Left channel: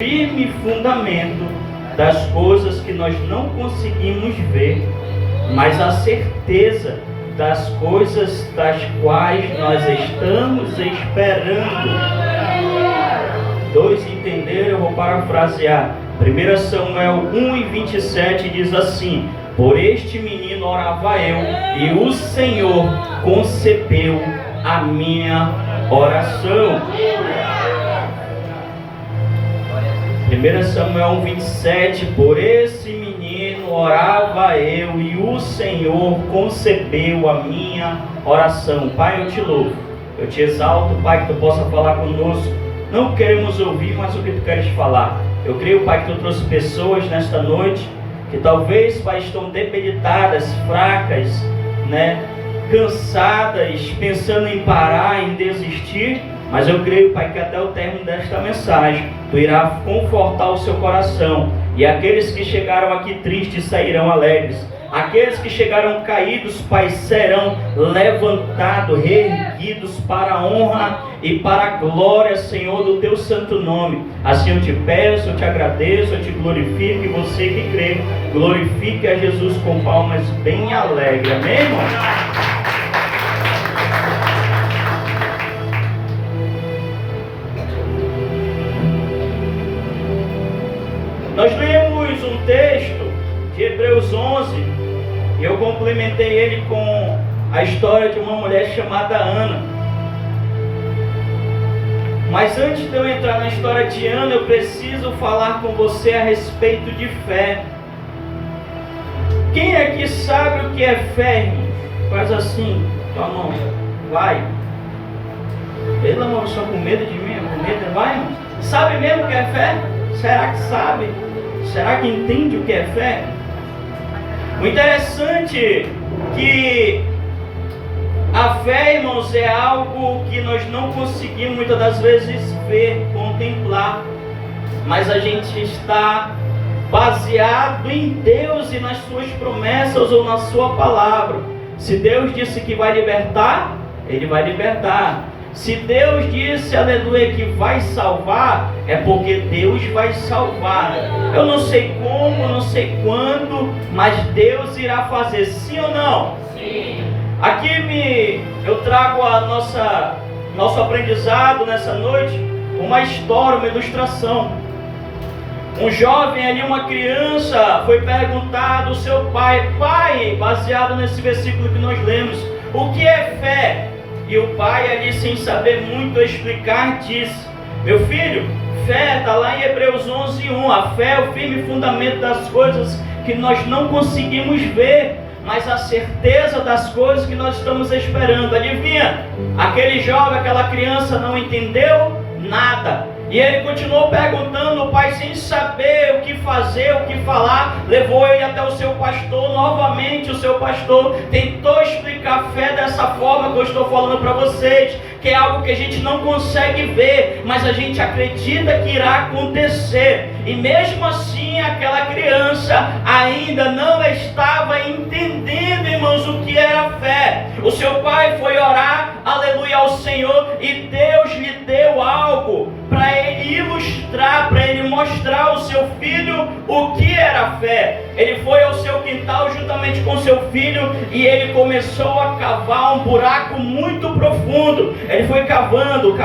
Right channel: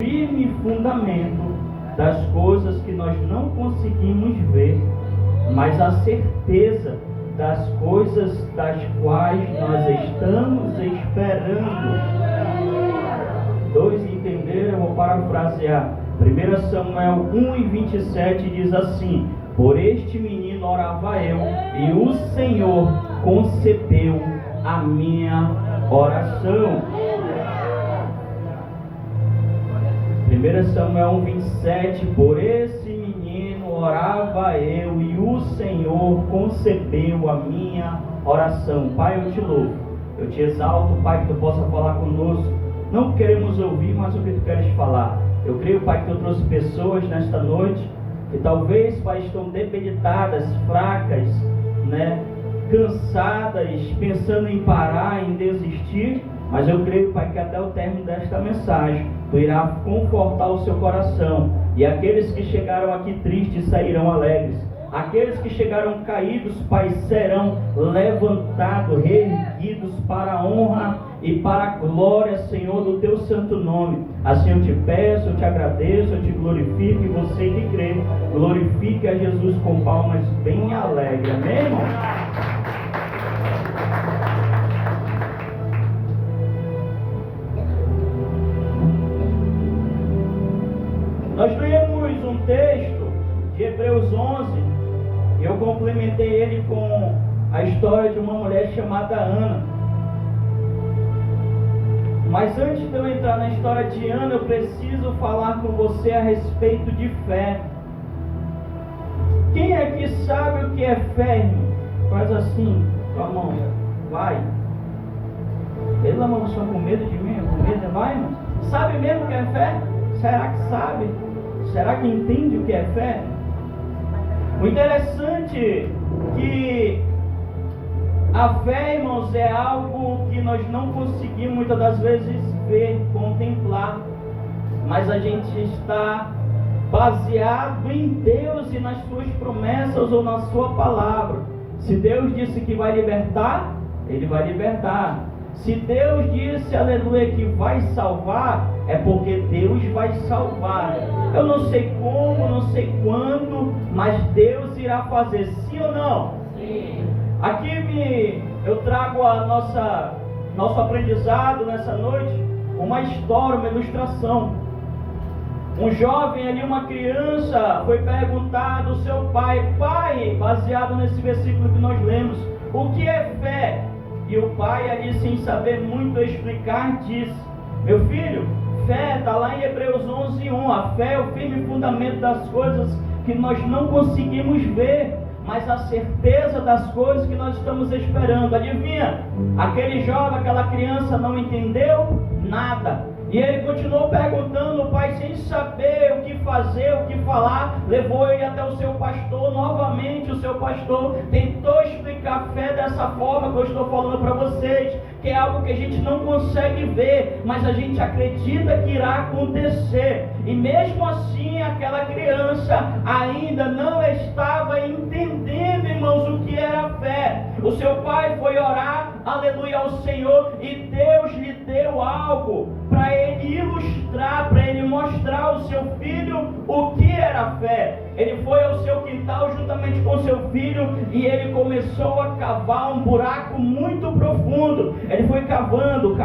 firme fundamento das coisas que nós não conseguimos ver, mas a certeza das coisas das quais nós estamos esperando. Dois entenderam? Eu vou parafrasear. 1 Samuel 1:27 diz assim: por este menino orava eu, e o Senhor concebeu a minha oração. 1 Samuel 1:27, por esse menino orava eu, e o Senhor concebeu a minha oração. Pai, eu te louvo, eu te exalto, Pai, que tu possa falar conosco. Não queremos ouvir, mas o que tu queres falar. Eu creio, Pai, que tu trouxe pessoas nesta noite que talvez, Pai, estão debilitadas, fracas, cansadas, pensando em parar, em desistir. Mas eu creio, Pai, que até o término desta mensagem tu irá confortar o seu coração. E aqueles que chegaram aqui tristes sairão alegres. Aqueles que chegaram caídos, Pai, serão levantados, reerguidos para a honra e para a glória, Senhor, do teu santo nome. Assim eu te peço, eu te agradeço, eu te glorifico, e você que crê, glorifique a Jesus com palmas bem alegres. Amém, irmão? Nós lemos um texto de Hebreus 11, e eu complementei ele com a história de uma mulher chamada Ana. Mas antes de eu entrar na história de Ana, eu preciso falar com você a respeito de fé. Quem aqui sabe o que é fé, irmão? Faz assim, tua mão, vai. Pelo amor, eu sou com medo de mim, com medo, vai, irmão. Sabe mesmo o que é fé? Será que sabe? Será que entende o que é fé? O interessante que a fé, irmãos, é algo que nós não conseguimos muitas das vezes ver, contemplar, mas a gente está baseado em Deus e nas suas promessas ou na sua palavra. Se Deus disse que vai libertar, Ele vai libertar. Se Deus disse, aleluia, que vai salvar, é porque Deus vai salvar. Eu não sei como, não sei quando, mas Deus irá fazer, sim ou não? Sim. Aqui eu trago nosso aprendizado nessa noite, uma história, uma ilustração. Um jovem ali, uma criança, foi perguntado ao seu pai: pai, baseado nesse versículo que nós lemos, o que é fé? E o pai ali, sem saber muito explicar, disse: meu filho, fé está lá em Hebreus 11:1. A fé é o firme fundamento das coisas que nós não conseguimos ver, mas a certeza das coisas que nós estamos esperando. Adivinha? Aquele jovem, aquela criança não entendeu nada. E ele continuou perguntando, o pai, sem saber o que fazer, o que falar, levou ele até o seu pastor. Novamente o seu pastor tentou explicar a fé dessa forma que eu estou falando para vocês, que é algo que a gente não consegue ver, mas a gente acredita que irá acontecer. E mesmo assim aquela criança ainda não estava entendendo, irmãos, o que era fé. O seu pai foi orar, aleluia, ao Senhor, e Deus lhe deu algo para ele ilustrar, para ele mostrar ao seu filho o que era fé. Ele foi ao seu quintal juntamente com seu filho e ele começou a cavar um buraco muito profundo. Ele foi cavando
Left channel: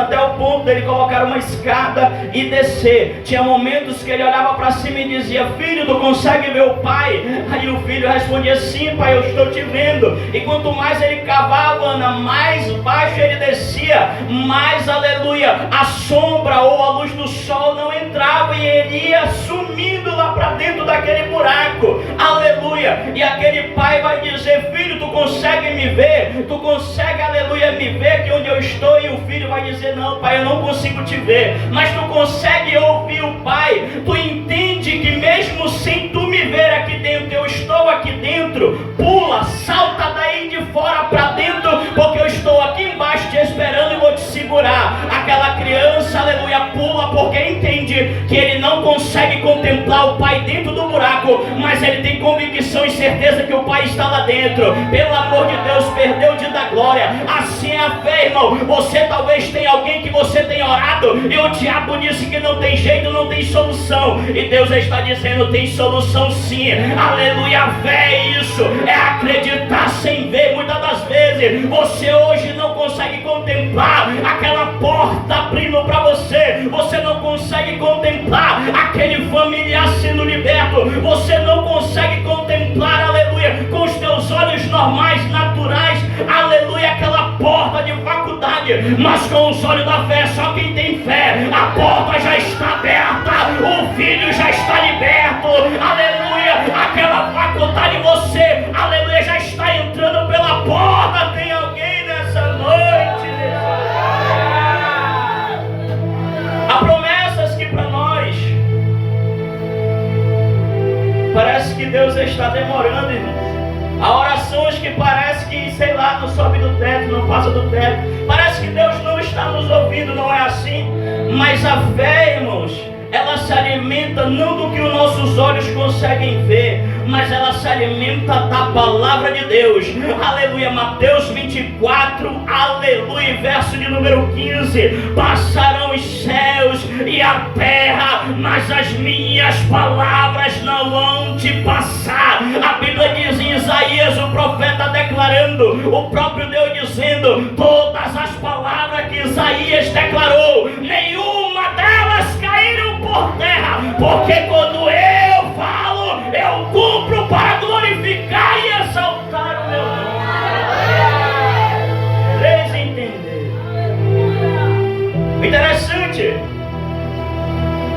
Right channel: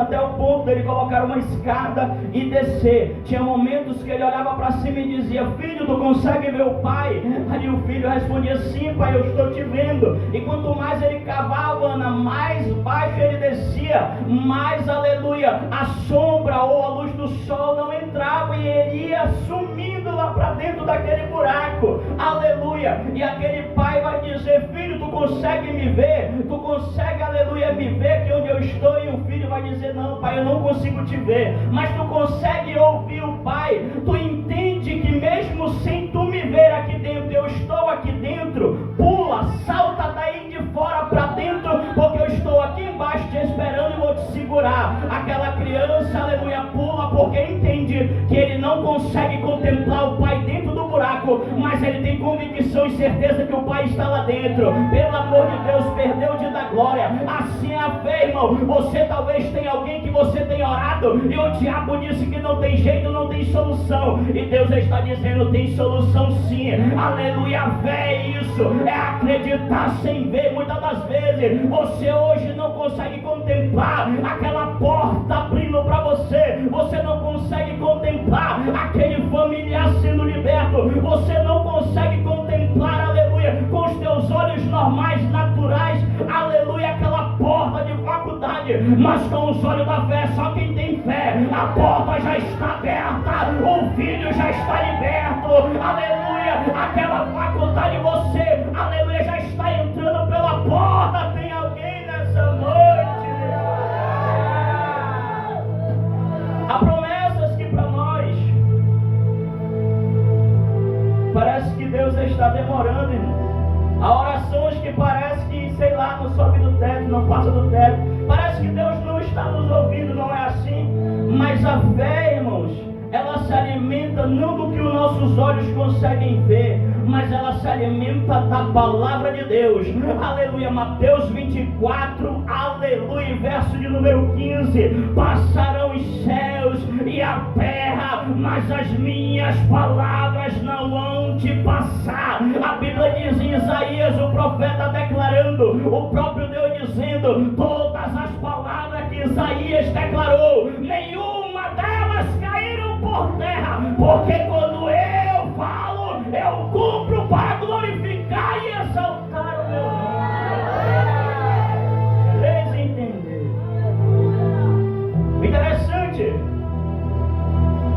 até o ponto dele colocar uma escada e descer. Tinha momentos que ele olhava para cima e dizia: filho, tu consegue ver o pai? Aí o filho respondia: sim, pai, eu estou te vendo. E quanto mais ele cavava, Ana, mais baixo ele descia, mais, aleluia, a sombra ou a luz do sol não entrava e ele ia sumindo lá para dentro daquele buraco, aleluia. E aquele pai vai dizer: filho, tu consegue me ver? Tu consegue, aleluia, me ver aqui onde eu estou? E o filho vai dizer: não, pai, eu não consigo te ver. Mas tu consegue ouvir o pai? Tu entende que mesmo sem tu me ver aqui dentro, eu estou aqui dentro? Pula, salta daí de fora para dentro, porque eu estou aqui embaixo te esperando e vou te segurar. Aquela criança, aleluia, pula porque entende que ele não consegue contemplar o pai dentro do buraco, fraco, mas ele tem convicção e certeza que o Pai está lá dentro. Pelo amor de Deus, perdeu de dar glória. Assim é a fé, irmão. Você talvez tenha alguém que você tenha orado e o diabo disse que não tem jeito, não tem solução, e Deus está dizendo: tem solução sim. Aleluia. A fé é isso, é acreditar sem ver. Muitas das vezes você hoje não consegue contemplar aquela porta abrindo para você, você não consegue contemplar aquele familiar sendo liberto, você não consegue contemplar, aleluia, com os teus olhos normais, naturais, aleluia, aquela porta de faculdade, mas com os olhos da fé, só quem tem fé, a porta já está aberta, o filho já está liberto, aleluia, aquela faculdade, você, aleluia, já está entrando pela porta. Tem alguém nessa noite? Há promessas que para nós parece que Deus está demorando, irmão. Há orações que parece que, sei lá, não sobe do teto, não passa do teto. Parece que Deus não está nos ouvindo, não é assim? Mas a fé, irmãos, ela se alimenta não do que os nossos olhos conseguem ver, mas ela se alimenta da palavra de Deus. Aleluia. Mateus 24, aleluia, verso de número 15: passarão os céus e a terra, mas as minhas palavras não vão te passar. A Bíblia diz em Isaías, o profeta declarando, o próprio Deus dizendo, todas as palavras que Isaías declarou, nenhuma delas caíram por terra, porque quando eu falo, eu cumpro para glorificar e exaltar o meu nome. Três entender. O interessante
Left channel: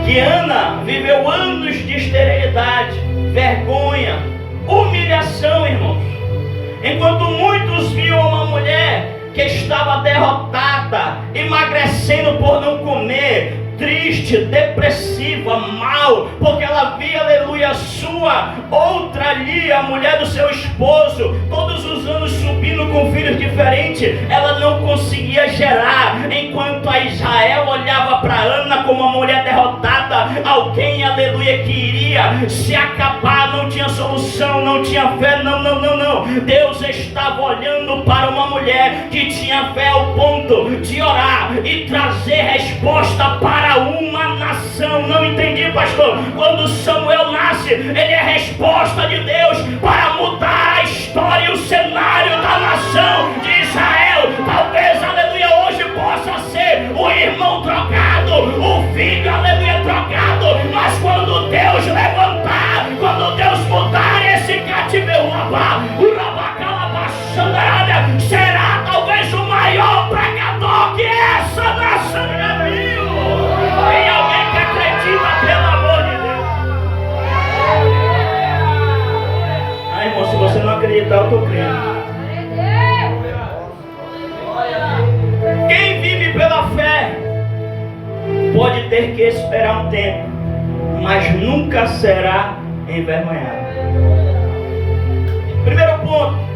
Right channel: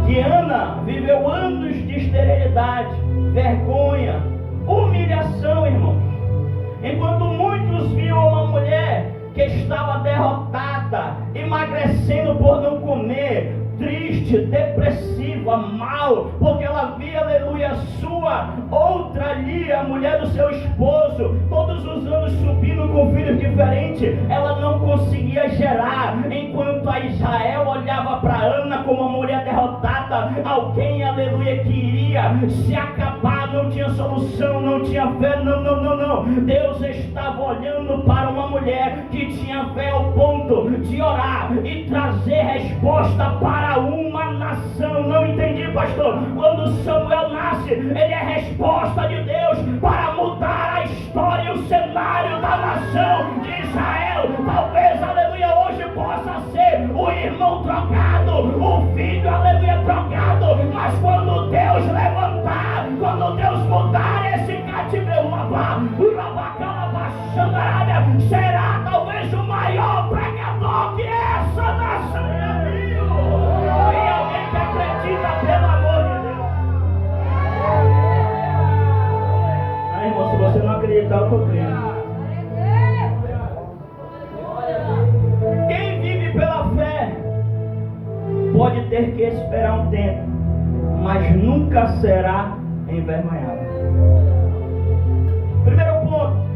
que Ana viveu anos de esterilidade, vergonha, humilhação, irmãos. Enquanto muitos viam uma mulher que estava derrotada, emagrecendo por não comer, triste, depressiva, mal, porque ela via, aleluia, sua outra ali, a mulher do seu esposo, todos os anos subindo com filhos diferentes, ela não conseguia gerar, enquanto a Israel olhava para Ana como uma mulher derrotada, alguém, aleluia, que iria se acabar, não tinha solução, não tinha fé, não, Deus estava olhando para uma mulher que tinha fé ao ponto de orar e trazer resposta para uma nação. Não entendi, pastor. Quando Samuel nasce, ele é resposta de Deus para mudar a história e o cenário da nação de Israel. Talvez, aleluia, hoje possa ser o irmão trocado, o filho, aleluia, trocado, mas quando Deus levantar, quando Deus mudar esse cativeiro, será talvez o maior pregador que essa nação já viu. Tem alguém que acredita, pelo amor de Deus? Irmão, se você não acreditar, eu estou crendo. Quem vive pela fé pode ter que esperar um tempo, mas nunca será envergonhado. Primeiro ponto:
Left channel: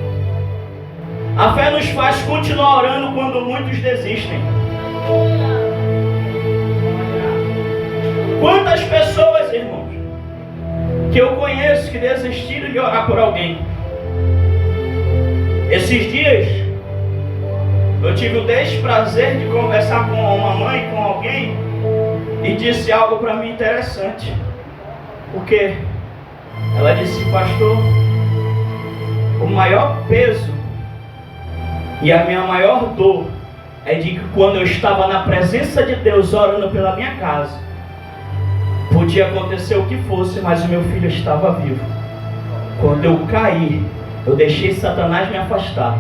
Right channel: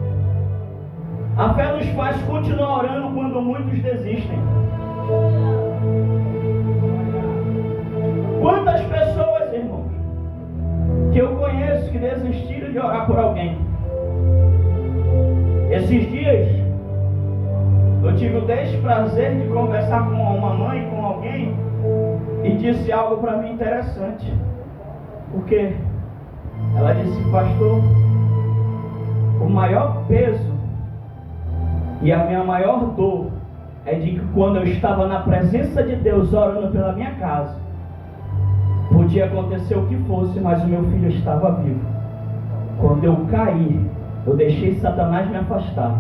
a fé nos faz continuar orando quando muitos desistem. Quantas pessoas, irmãos, que eu conheço que desistiram de orar por alguém? Esses dias eu tive o desprazer de conversar com uma mãe, com alguém, e disse algo para mim interessante. O quê? Ela disse: pastor, o maior peso e a minha maior dor é de que quando eu estava na presença de Deus orando pela minha casa, podia acontecer o que fosse, mas o meu filho estava vivo. Quando eu caí, eu deixei Satanás me afastar.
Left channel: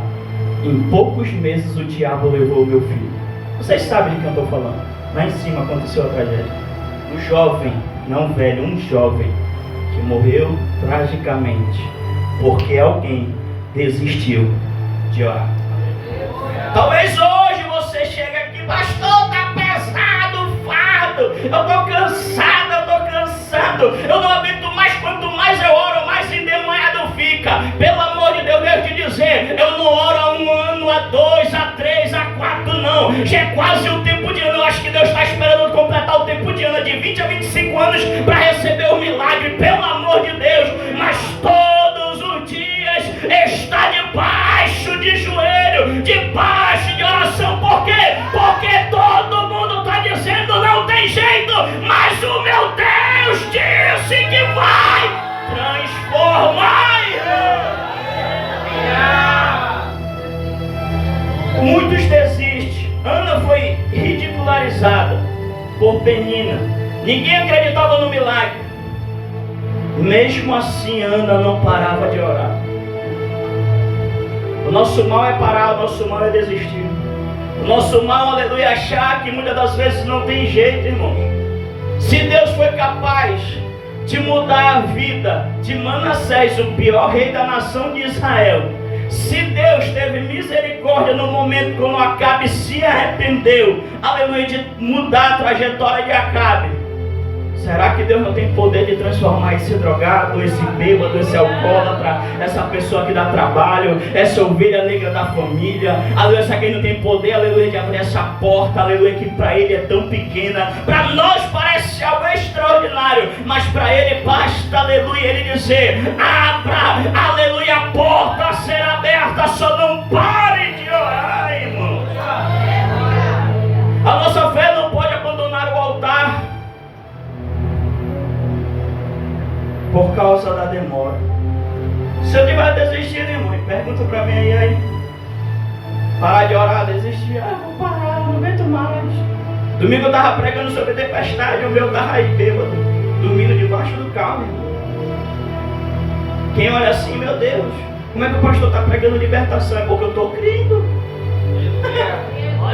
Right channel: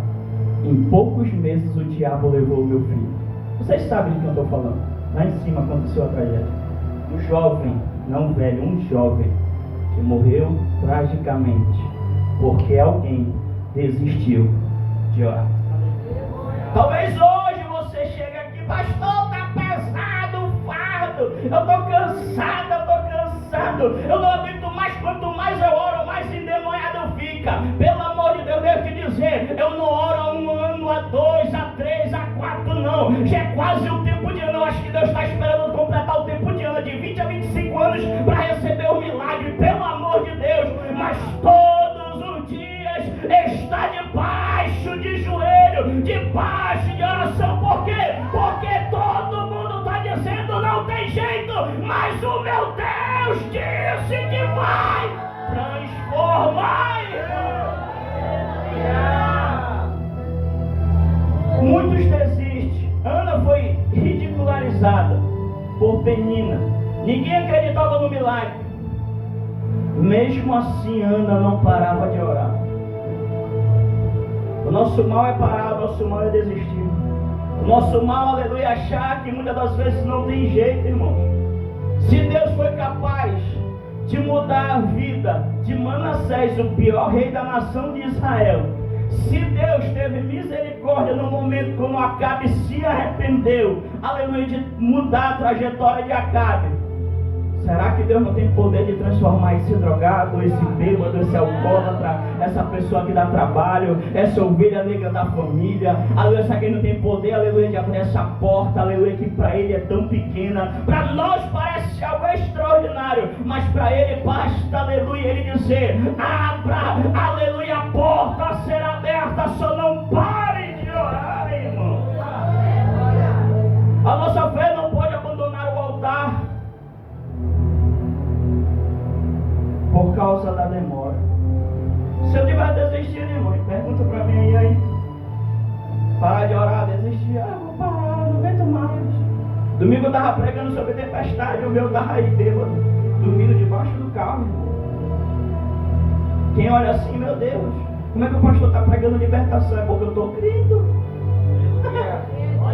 Em poucos meses o diabo levou o meu filho. Vocês sabem de quem eu estou falando. Lá em cima aconteceu a tragédia. Um jovem, não velho, um jovem que morreu tragicamente porque alguém desistiu de orar. Talvez hoje você chegue aqui: pastor, tá pesado o fardo, eu tô cansado, eu não aguento mais, quanto mais eu oro, mais endemoniado fica. Pelo amor de Deus, devo te dizer, eu não oro há 1 ano, há 2, há 3, há 4 não, já é quase o tempo de ano. Eu acho que Deus está esperando completar o tempo de ano, de 20 a 25 anos, para receber o milagre. Pelo amor de Deus, de joelho, debaixo de oração. Por quê? Porque todo mundo está dizendo não tem jeito, mas o meu Deus disse que vai transformar. Muitos desistem. Ana foi ridicularizada por Penina. Ninguém acreditava no milagre. Mesmo assim, Ana não parava de orar. O nosso mal é parar, o nosso mal é desistir. O nosso mal, aleluia, é achar que muitas das vezes não tem jeito, irmãos. Se Deus foi capaz de mudar a vida de Manassés, o pior rei da nação de Israel, se Deus teve misericórdia no momento quando Acabe se arrependeu, aleluia, de mudar a trajetória de Acabe, será que Deus não tem poder de transformar esse drogado, esse bêbado, esse alcoólatra, essa pessoa que dá trabalho, essa ovelha negra da família, aleluia, será que Ele não tem poder, aleluia, de abrir essa porta, aleluia, que para Ele é tão pequena, para nós parece algo extraordinário, mas para Ele basta, aleluia, Ele dizer, abra, aleluia, a porta será aberta, só não pare de orar, irmão. A nossa fé não pode abandonar o altar por causa da demora. Se eu tiver desistindo, irmão, pergunta para mim aí, parar de orar, desistir, vou parar, não aguento mais. Domingo eu estava pregando sobre tempestade, o meu estava aí bêbado, dormindo debaixo do carro, irmão. Quem olha assim, meu Deus, como é que o pastor está pregando libertação? É porque eu estou crendo.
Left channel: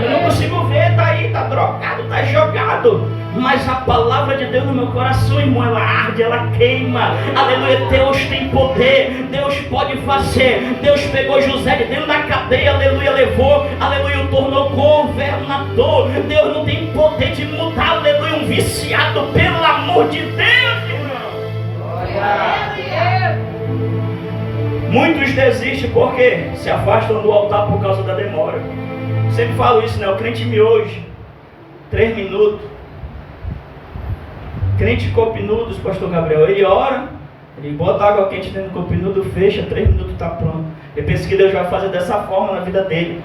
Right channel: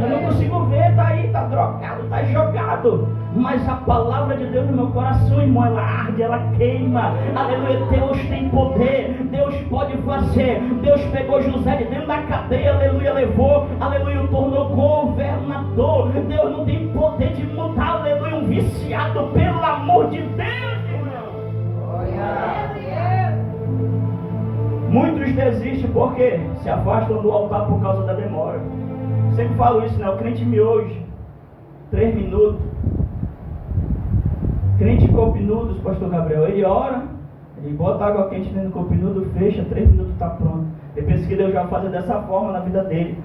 Eu não consigo ver, está aí, está drogado, está jogado. Mas a palavra de Deus no meu coração, irmão, ela arde, ela queima. Aleluia, Deus tem poder, Deus pode fazer. Deus pegou José de dentro da cadeia, aleluia, levou, aleluia, o tornou governador. Deus não tem poder de mudar, aleluia, um viciado, pelo amor de Deus, irmão. Muitos desistem porque se afastam do altar por causa da demora. Sempre falo isso, né? O crente miojo, 3 minutos. Crente copinudos, pastor Gabriel, ele ora, ele bota água quente dentro do copinudo, fecha, 3 minutos está pronto. Eu penso que Deus vai fazer dessa forma na vida dele.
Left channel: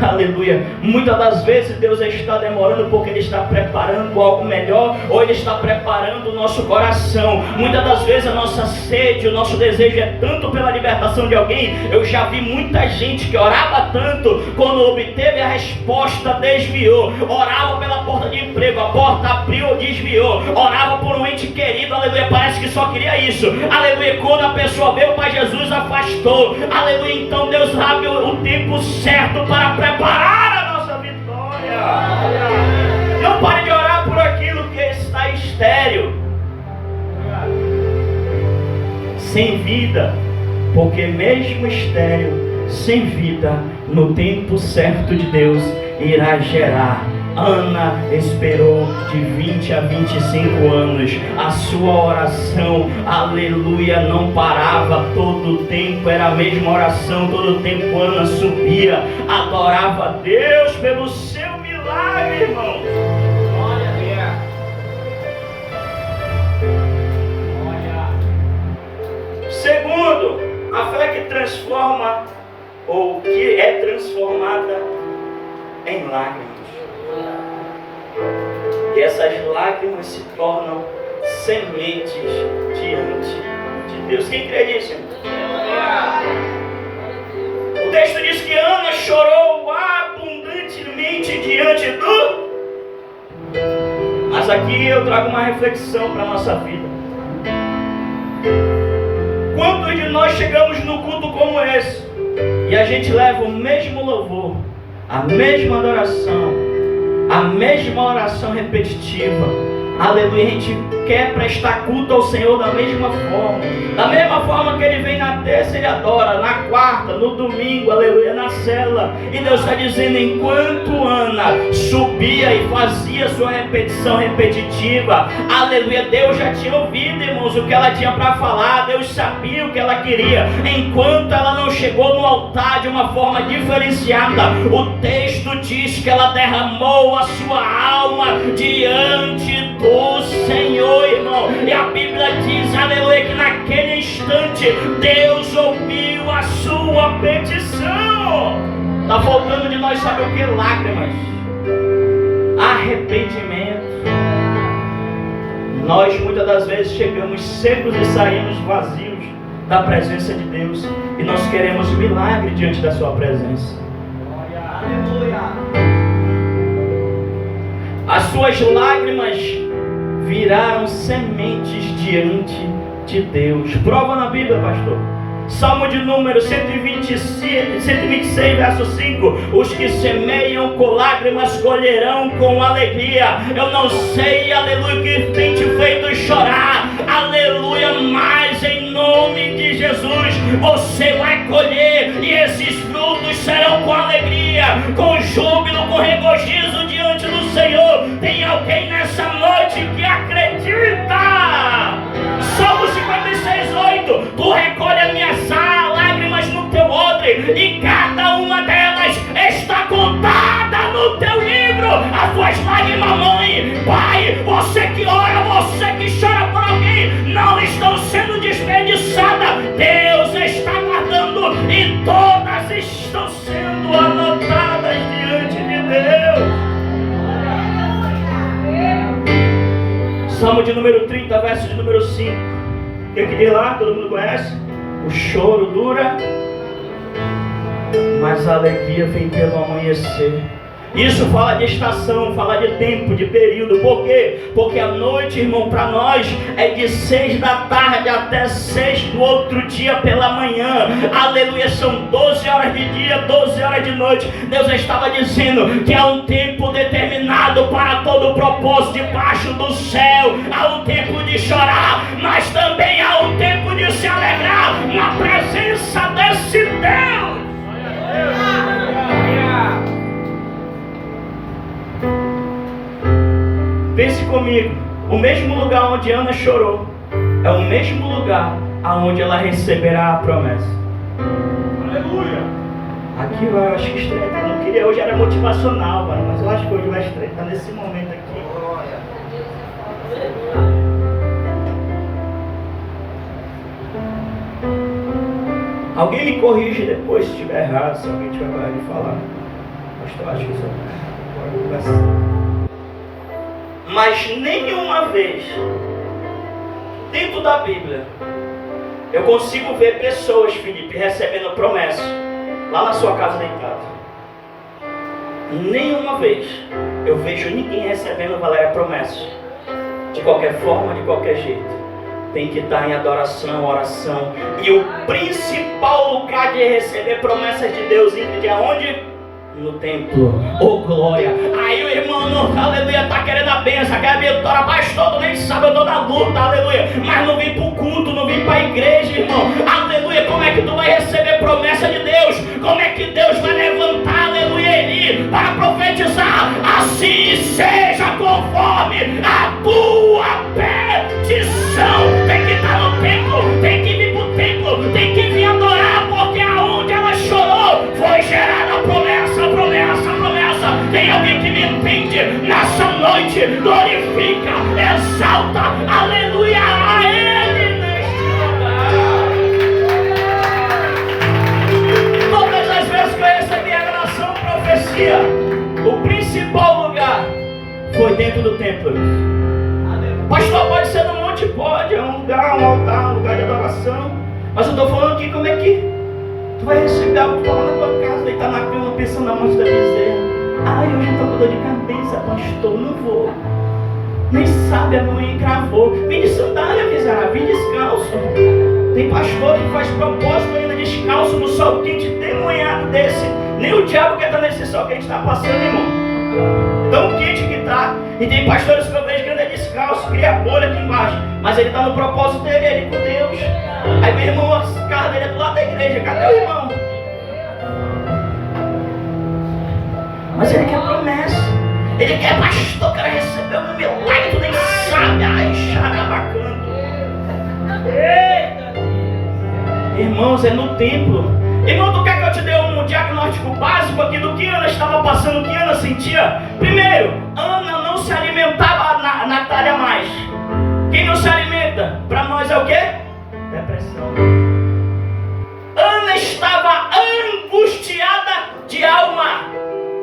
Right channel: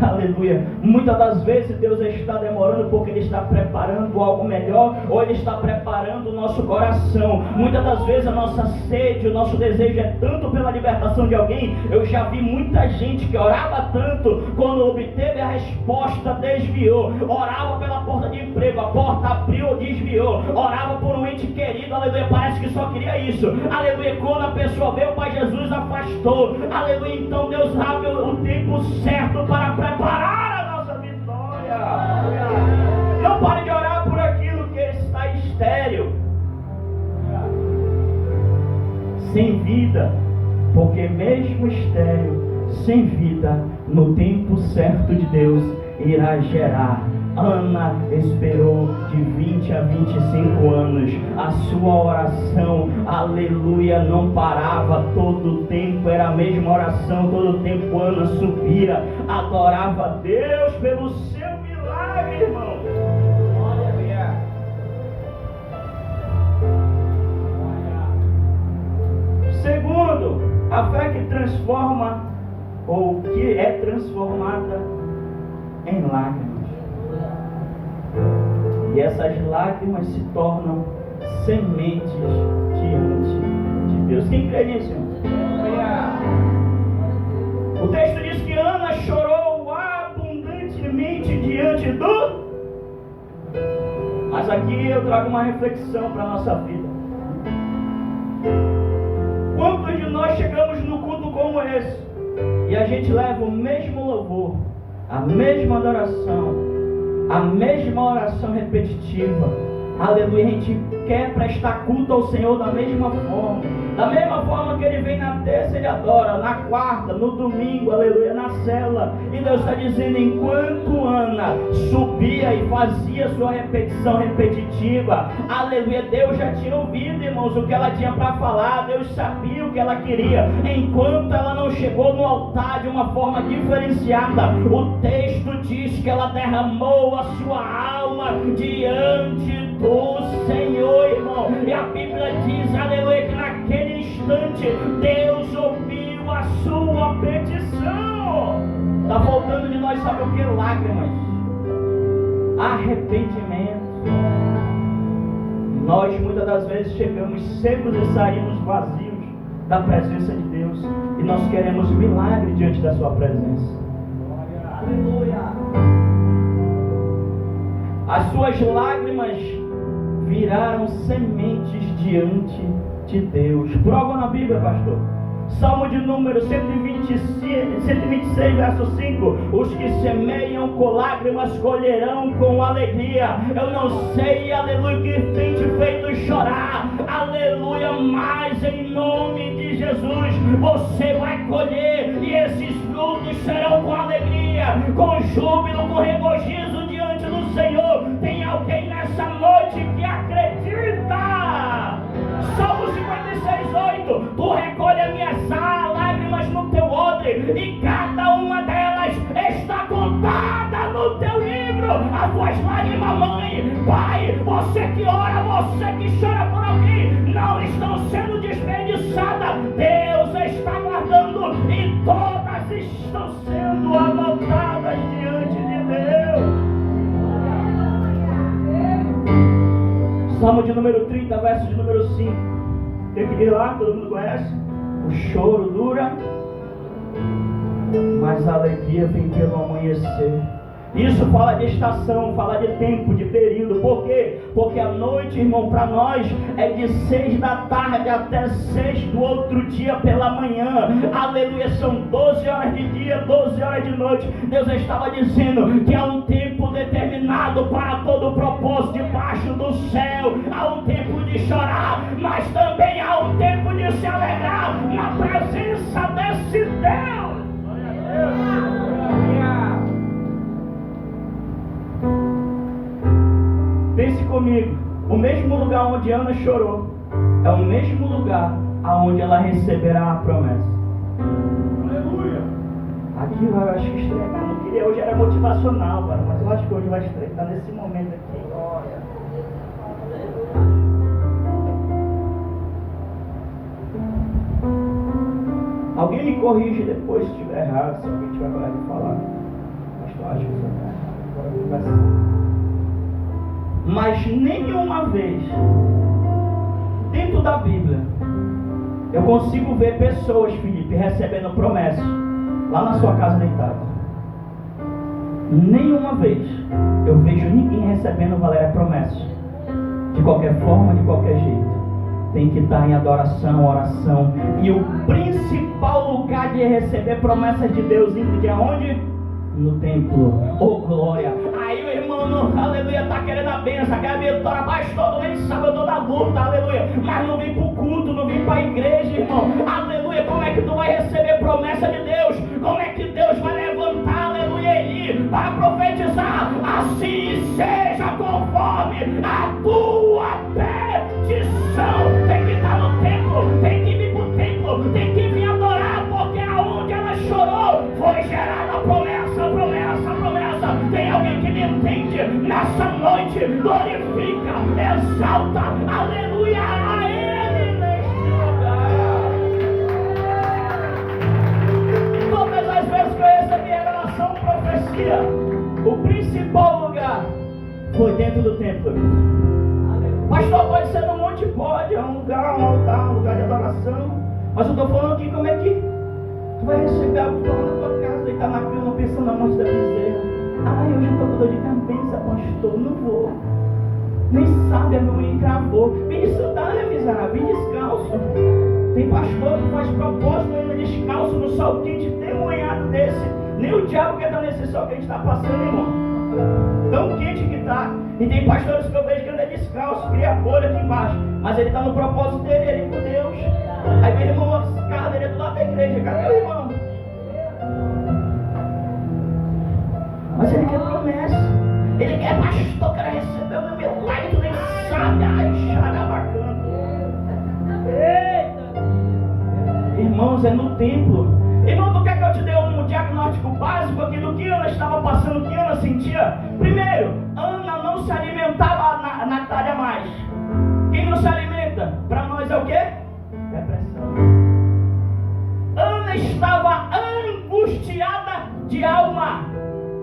Aleluia. Muitas das vezes Deus está demorando porque Ele está preparando algo melhor, ou Ele está preparando o nosso coração. Muitas das vezes a nossa sede, o nosso desejo é tanto pela libertação de alguém. Eu já vi muita gente que orava tanto, quando obteve a resposta, desviou. Orava pela porta de emprego, a porta abriu, desviou. Orava por um ente querido, aleluia, parece que só queria isso. Aleluia, quando a pessoa veio para Jesus, afastou. Aleluia, então Deus abre o tempo certo para preparar a nossa vitória. Não pare de orar por aquilo que está estéril, sem vida, porque mesmo estéril, sem vida, no tempo certo de Deus irá gerar. Ana esperou de 20 a 25 anos. A sua oração, aleluia, não parava. Todo o tempo era a mesma oração. Todo o tempo Ana subia, adorava a Deus pelo seu milagre, irmão. Segundo, a fé que transforma, ou que é transformada em lágrimas. E essas lágrimas se tornam sementes diante de Deus. Quem crê nisso? O texto diz que Ana chorou abundantemente diante do... Mas aqui eu trago uma reflexão para a nossa vida. Quantos de nós chegamos no culto como esse e a gente leva o mesmo louvor, a mesma adoração, a mesma oração repetitiva, aleluia, a gente quer prestar culto ao Senhor da mesma forma que Ele vem na terça, Ele adora, na quarta, no domingo, aleluia, na cela. E Deus está dizendo, enquanto Ana subia e fazia sua repetição repetitiva, aleluia, Deus já tinha ouvido, irmãos, o que ela tinha para falar. Deus sabia o que ela queria. Enquanto ela não chegou no altar de uma forma diferenciada, o texto diz que ela derramou a sua alma diante do Senhor, irmão. E a Bíblia diz, aleluia, que naquele instante Deus ouviu a sua petição. Está faltando de nós saber o que? Lágrimas, arrependimento. Nós muitas das vezes chegamos secos e saímos vazios da presença de Deus, e nós queremos milagre diante da sua presença. Aleluia. As suas lágrimas viraram sementes diante de Deus. Prova na Bíblia, pastor. Salmo de número 126, verso 5. Os que semeiam com lágrimas colherão com alegria. Eu não sei, aleluia, que tem te feito chorar, aleluia, mas em nome de Jesus você vai colher, e esses frutos serão com alegria, com júbilo, com regozijo diante do Senhor. Tem alguém nessa noite que acredita? Salmo 56:8. Tu recolhe as minhas lágrimas no teu odre, e cada uma delas está contada no teu livro. As tuas lágrimas, mãe, pai, você que ora, você que chora por alguém, não estão sendo desperdiçadas. Deus está guardando, e todas estão sendo anotadas diante de Deus. Salmo de número 30, verso de número 5. O que diz lá? Todo mundo conhece? O choro dura, mas a alegria vem pelo amanhecer. Isso fala de estação, fala de tempo, de período. Por quê? Porque a noite, irmão, para nós é de 6 da tarde até 6 do outro dia pela manhã. Aleluia, são 12 horas de dia, 12 horas de noite. Deus estava dizendo que há um tempo determinado para todo o propósito debaixo do céu. Há um tempo de chorar, mas também há um tempo de se alegrar na presença desse Deus. Pense comigo, o mesmo lugar onde Ana chorou é o mesmo lugar aonde ela receberá a promessa. Aleluia! Aqui eu acho que estreita, eu não queria, hoje era motivacional, mano, mas eu acho que hoje vai estreitar nesse momento aqui. Alguém me corrige depois se estiver errado, se alguém tiver coragem de falar. Pastor, acho que isso é errado. Agora conversa. Mas nenhuma vez dentro da Bíblia eu consigo ver pessoas, Felipe, recebendo promessas lá na sua casa deitado. Nenhuma vez eu vejo ninguém recebendo, Valéria, promessas. De qualquer forma, de qualquer jeito, tem que estar em adoração, oração. E o principal lugar de receber promessas de Deus, Ingrid, é onde? No templo. Oh glória. Aí o irmão, aleluia, tá querendo a bênção, quer a vitória, pastor, tu nem sabe, eu tô na luta, aleluia, mas não vim pro culto, não vim pra igreja, irmão, aleluia. Como é que tu vai receber promessa de Deus? Como é que Deus vai levantar, aleluia, Eli, para profetizar? Assim seja conforme a tua petição. Tem que estar no templo, tem que vir pro templo, tem que vir adorar, porque aonde ela chorou foi gerada a promessa. Tem alguém que me entende nessa noite? Glorifica, exalta, aleluia a Ele neste lugar. Todas as vezes que eu recebi a revelação, profecia, o principal lugar foi dentro do templo. Pastor, pode ser no monte? Pode, é um lugar, um altar, um lugar de adoração. Mas eu estou falando aqui, como é que tu vai receber algo lá na tua casa, deitar na cama, pensando na morte da bezerra. Ai, hoje eu estou com dor de cabeça, pastor, não vou. Nem sabe, a minha mãe encravou. Vem de sandália, miserável, vem descalço. Tem pastor que faz propósito ainda descalço no sol quente, demonhado desse. Nem o diabo quer estar nesse sol que a gente está passando, irmão. Tão quente que está. E tem pastores que eu vejo que anda descalço, cria bolha aqui embaixo. Mas ele está no propósito dele, ali com Deus. Aí meu irmão, a casa dele é do lado da igreja. Cadê o irmão? Mas ele quer promessa. Ele quer, pastor, quero receber o meu milagre, tu nem sabe. Ai, xarabacando. Eita! Irmãos, é no templo. Irmão, tu quer que eu te dê um diagnóstico básico aqui do que Ana estava passando, o que Ana sentia? Primeiro, Ana não se alimentava na talha mais. Quem não se alimenta, para nós é o quê? Depressão. Ana estava angustiada de de alma,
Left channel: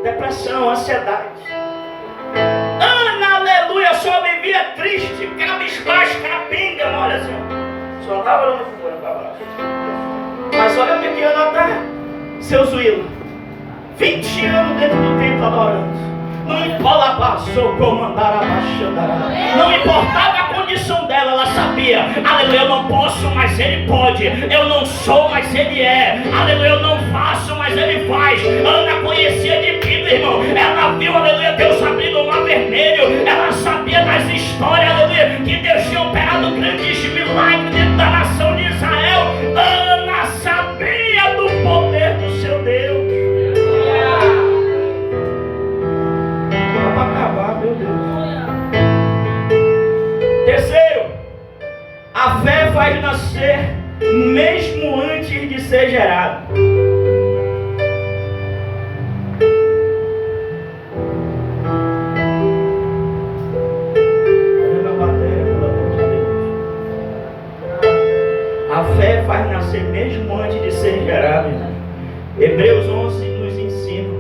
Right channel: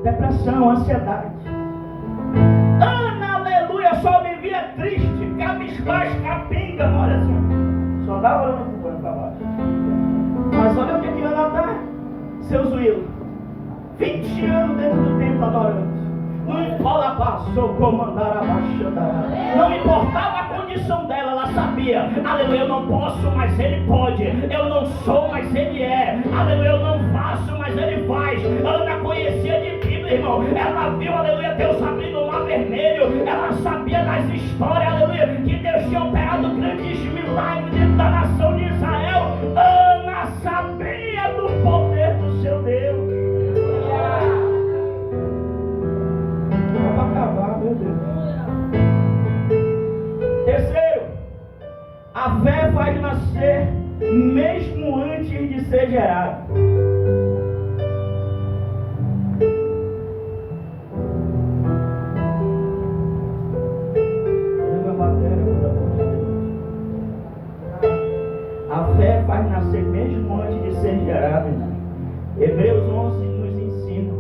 depressão, ansiedade. Ana, aleluia, só vivia triste, cabisbaixo, capenga, olha assim, só andava olhando para baixo. Mas olha o que Ana está, seu Zuílo, 20 anos dentro do templo adorando. Não importa, passou como andar abaixando. Não importava a condição dela, ela sabia. Aleluia, eu não posso, mas Ele pode. Eu não sou, mas Ele é. Aleluia, eu não faço, mas Ele faz. Ana conhecia de Bíblia, irmão. Ela viu, aleluia, Deus abrindo o mar vermelho. Ela sabia das histórias, aleluia, que Deus tinha operado grandes milagres dentro da nação de Israel. Ana sabia do poder do seu Deus. Terceiro, a fé faz nascer mesmo antes de ser gerado. A fé faz nascer mesmo antes de ser gerado. Hebreus 11 nos ensina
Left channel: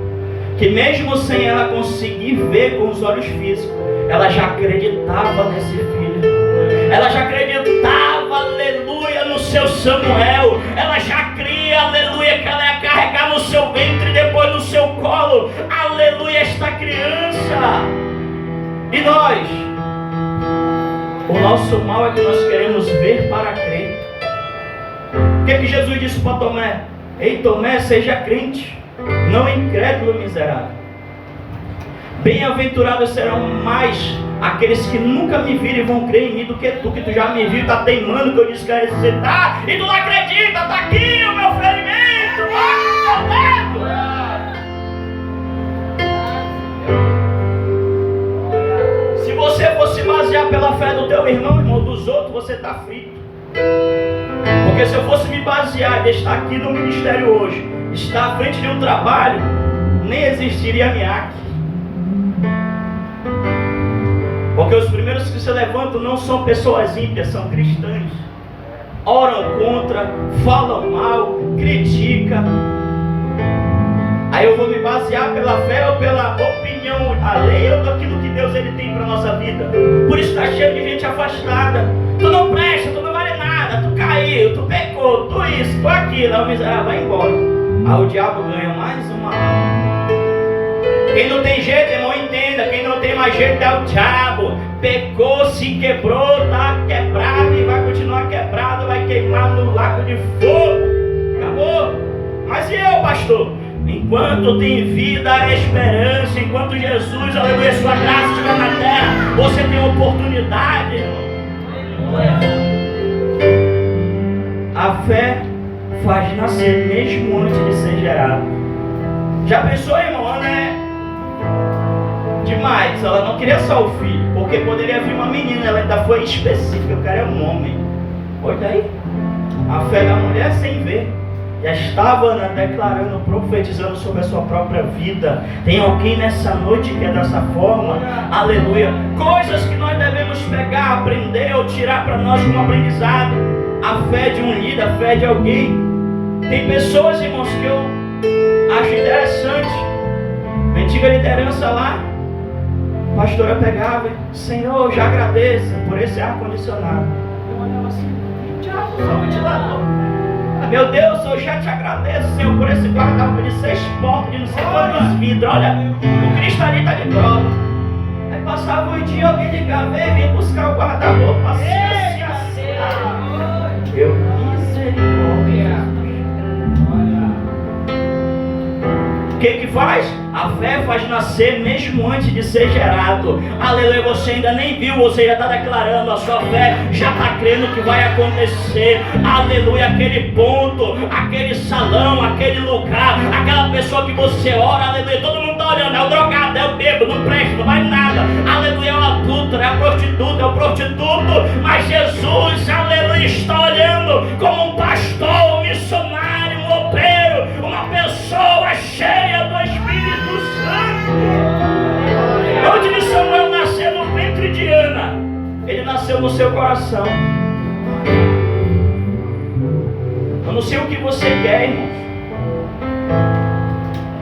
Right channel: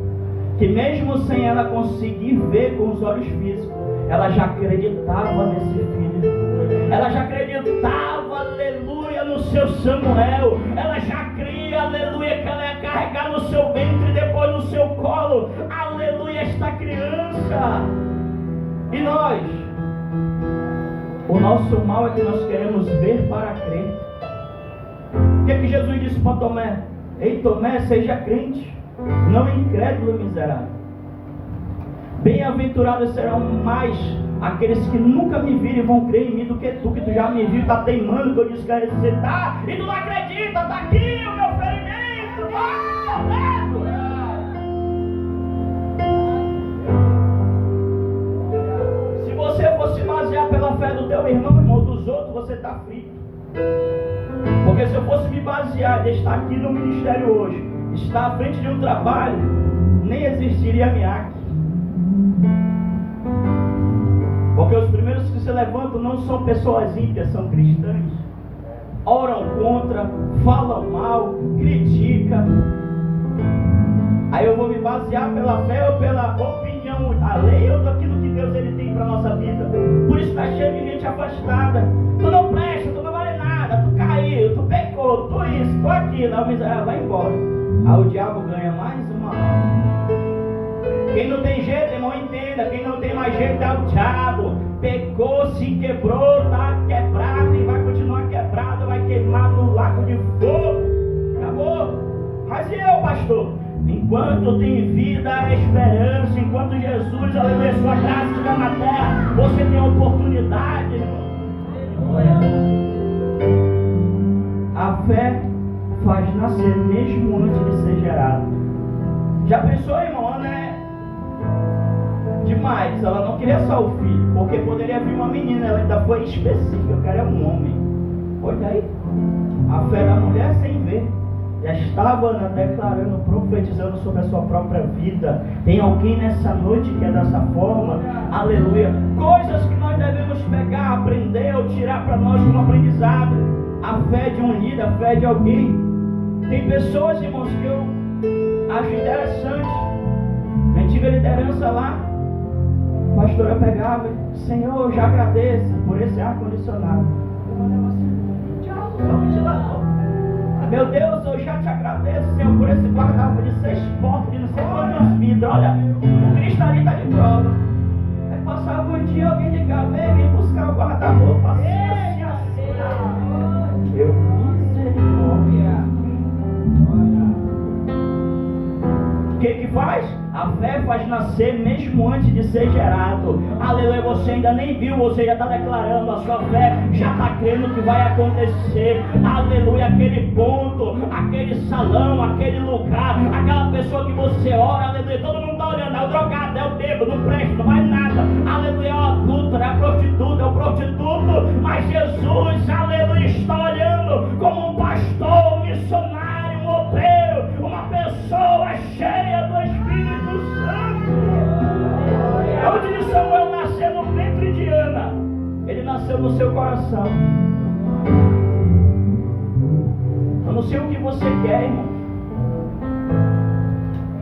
que mesmo sem ela conseguir ver com os olhos físicos, ela já acreditava nesse filho. Ela já acreditava, aleluia, no seu Samuel. Ela já cria, aleluia, que ela ia carregar no seu ventre e depois no seu colo, aleluia, esta criança. E nós, o nosso mal é que nós queremos ver para crer. O que Jesus disse para Tomé? Ei, Tomé, seja crente, não incrédulo miserável. Bem-aventurados serão mais aqueles que nunca me viram e vão crer em mim do que tu já me viu, está teimando que eu disse que ia ressuscitar, e tu não acredita, está aqui o meu ferimento, Se você fosse basear pela fé do teu irmão, dos outros, você está frito. Porque se eu fosse me basear e estar aqui no ministério hoje, estar à frente de um trabalho, nem existiria MIAC. Porque os primeiros que se levantam não são pessoas ímpias, são cristãos. Oram contra, falam mal, criticam. Aí eu vou me basear pela fé ou pela opinião alheia ou daquilo que Deus ele tem para a nossa vida. Por isso está cheio de gente afastada. Tu não presta, tu não vale nada, tu caiu, tu pecou, tu isso, tu aquilo. Aí o miserável vai embora. Aí o diabo ganha mais uma alma. Quem não tem jeito, irmão, entenda. Quem não tem mais jeito é o diabo. Pecou, se quebrou, está quebrado e vai continuar quebrado, vai queimar no lago de fogo. Acabou. Mas e eu, pastor? Enquanto tem vida, esperança, enquanto Jesus, aleluia, sua graça estiver na terra, você tem oportunidade, irmão. A fé faz nascer mesmo antes de ser gerado. Já pensou, irmão? Ana é demais. Ela não queria só o filho, porque poderia vir uma menina. Ela ainda foi específica. Eu quero um homem. Olha daí. A fé da mulher sem ver. Já estava Ana declarando, profetizando sobre a sua própria vida. Tem alguém nessa noite que é dessa forma? Aleluia. Coisas que nós devemos pegar, aprender ou tirar para nós como aprendizado. A fé de um líder, a fé de alguém. Tem pessoas, irmãos, que eu acho interessante. A antiga liderança lá, a pastora pegava, Senhor, eu já agradeço por esse ar-condicionado. Eu olhava assim, diabo, só ventilador. Meu Deus, eu já te agradeço, Senhor, por esse guarda-roupa de 6 portas, de não sei quantos vidros. Olha, o Cristo ali está de prova. Aí passava o dia, alguém ligava, e vinha buscar o guarda-roupa, assim. Eu, misericórdia. O que faz? A fé faz nascer mesmo antes de ser gerado. Aleluia, você ainda nem viu, você já está declarando, a sua fé já está crendo que vai acontecer. Aleluia, aquele ponto, aquele salão, aquele lugar, aquela pessoa que você ora, aleluia, todo mundo está olhando, é o drogado, é o bêbado, não presta, não vale nada. Aleluia, é o adulto, é a prostituta, é o prostituto, mas Jesus, aleluia, está olhando como um pastor, um missionário, um obreiro, uma pessoa cheia do Espírito Santo. Onde de Samuel nasceu no ventre de Ana, ele nasceu no seu coração. Eu não sei o que você quer, irmão.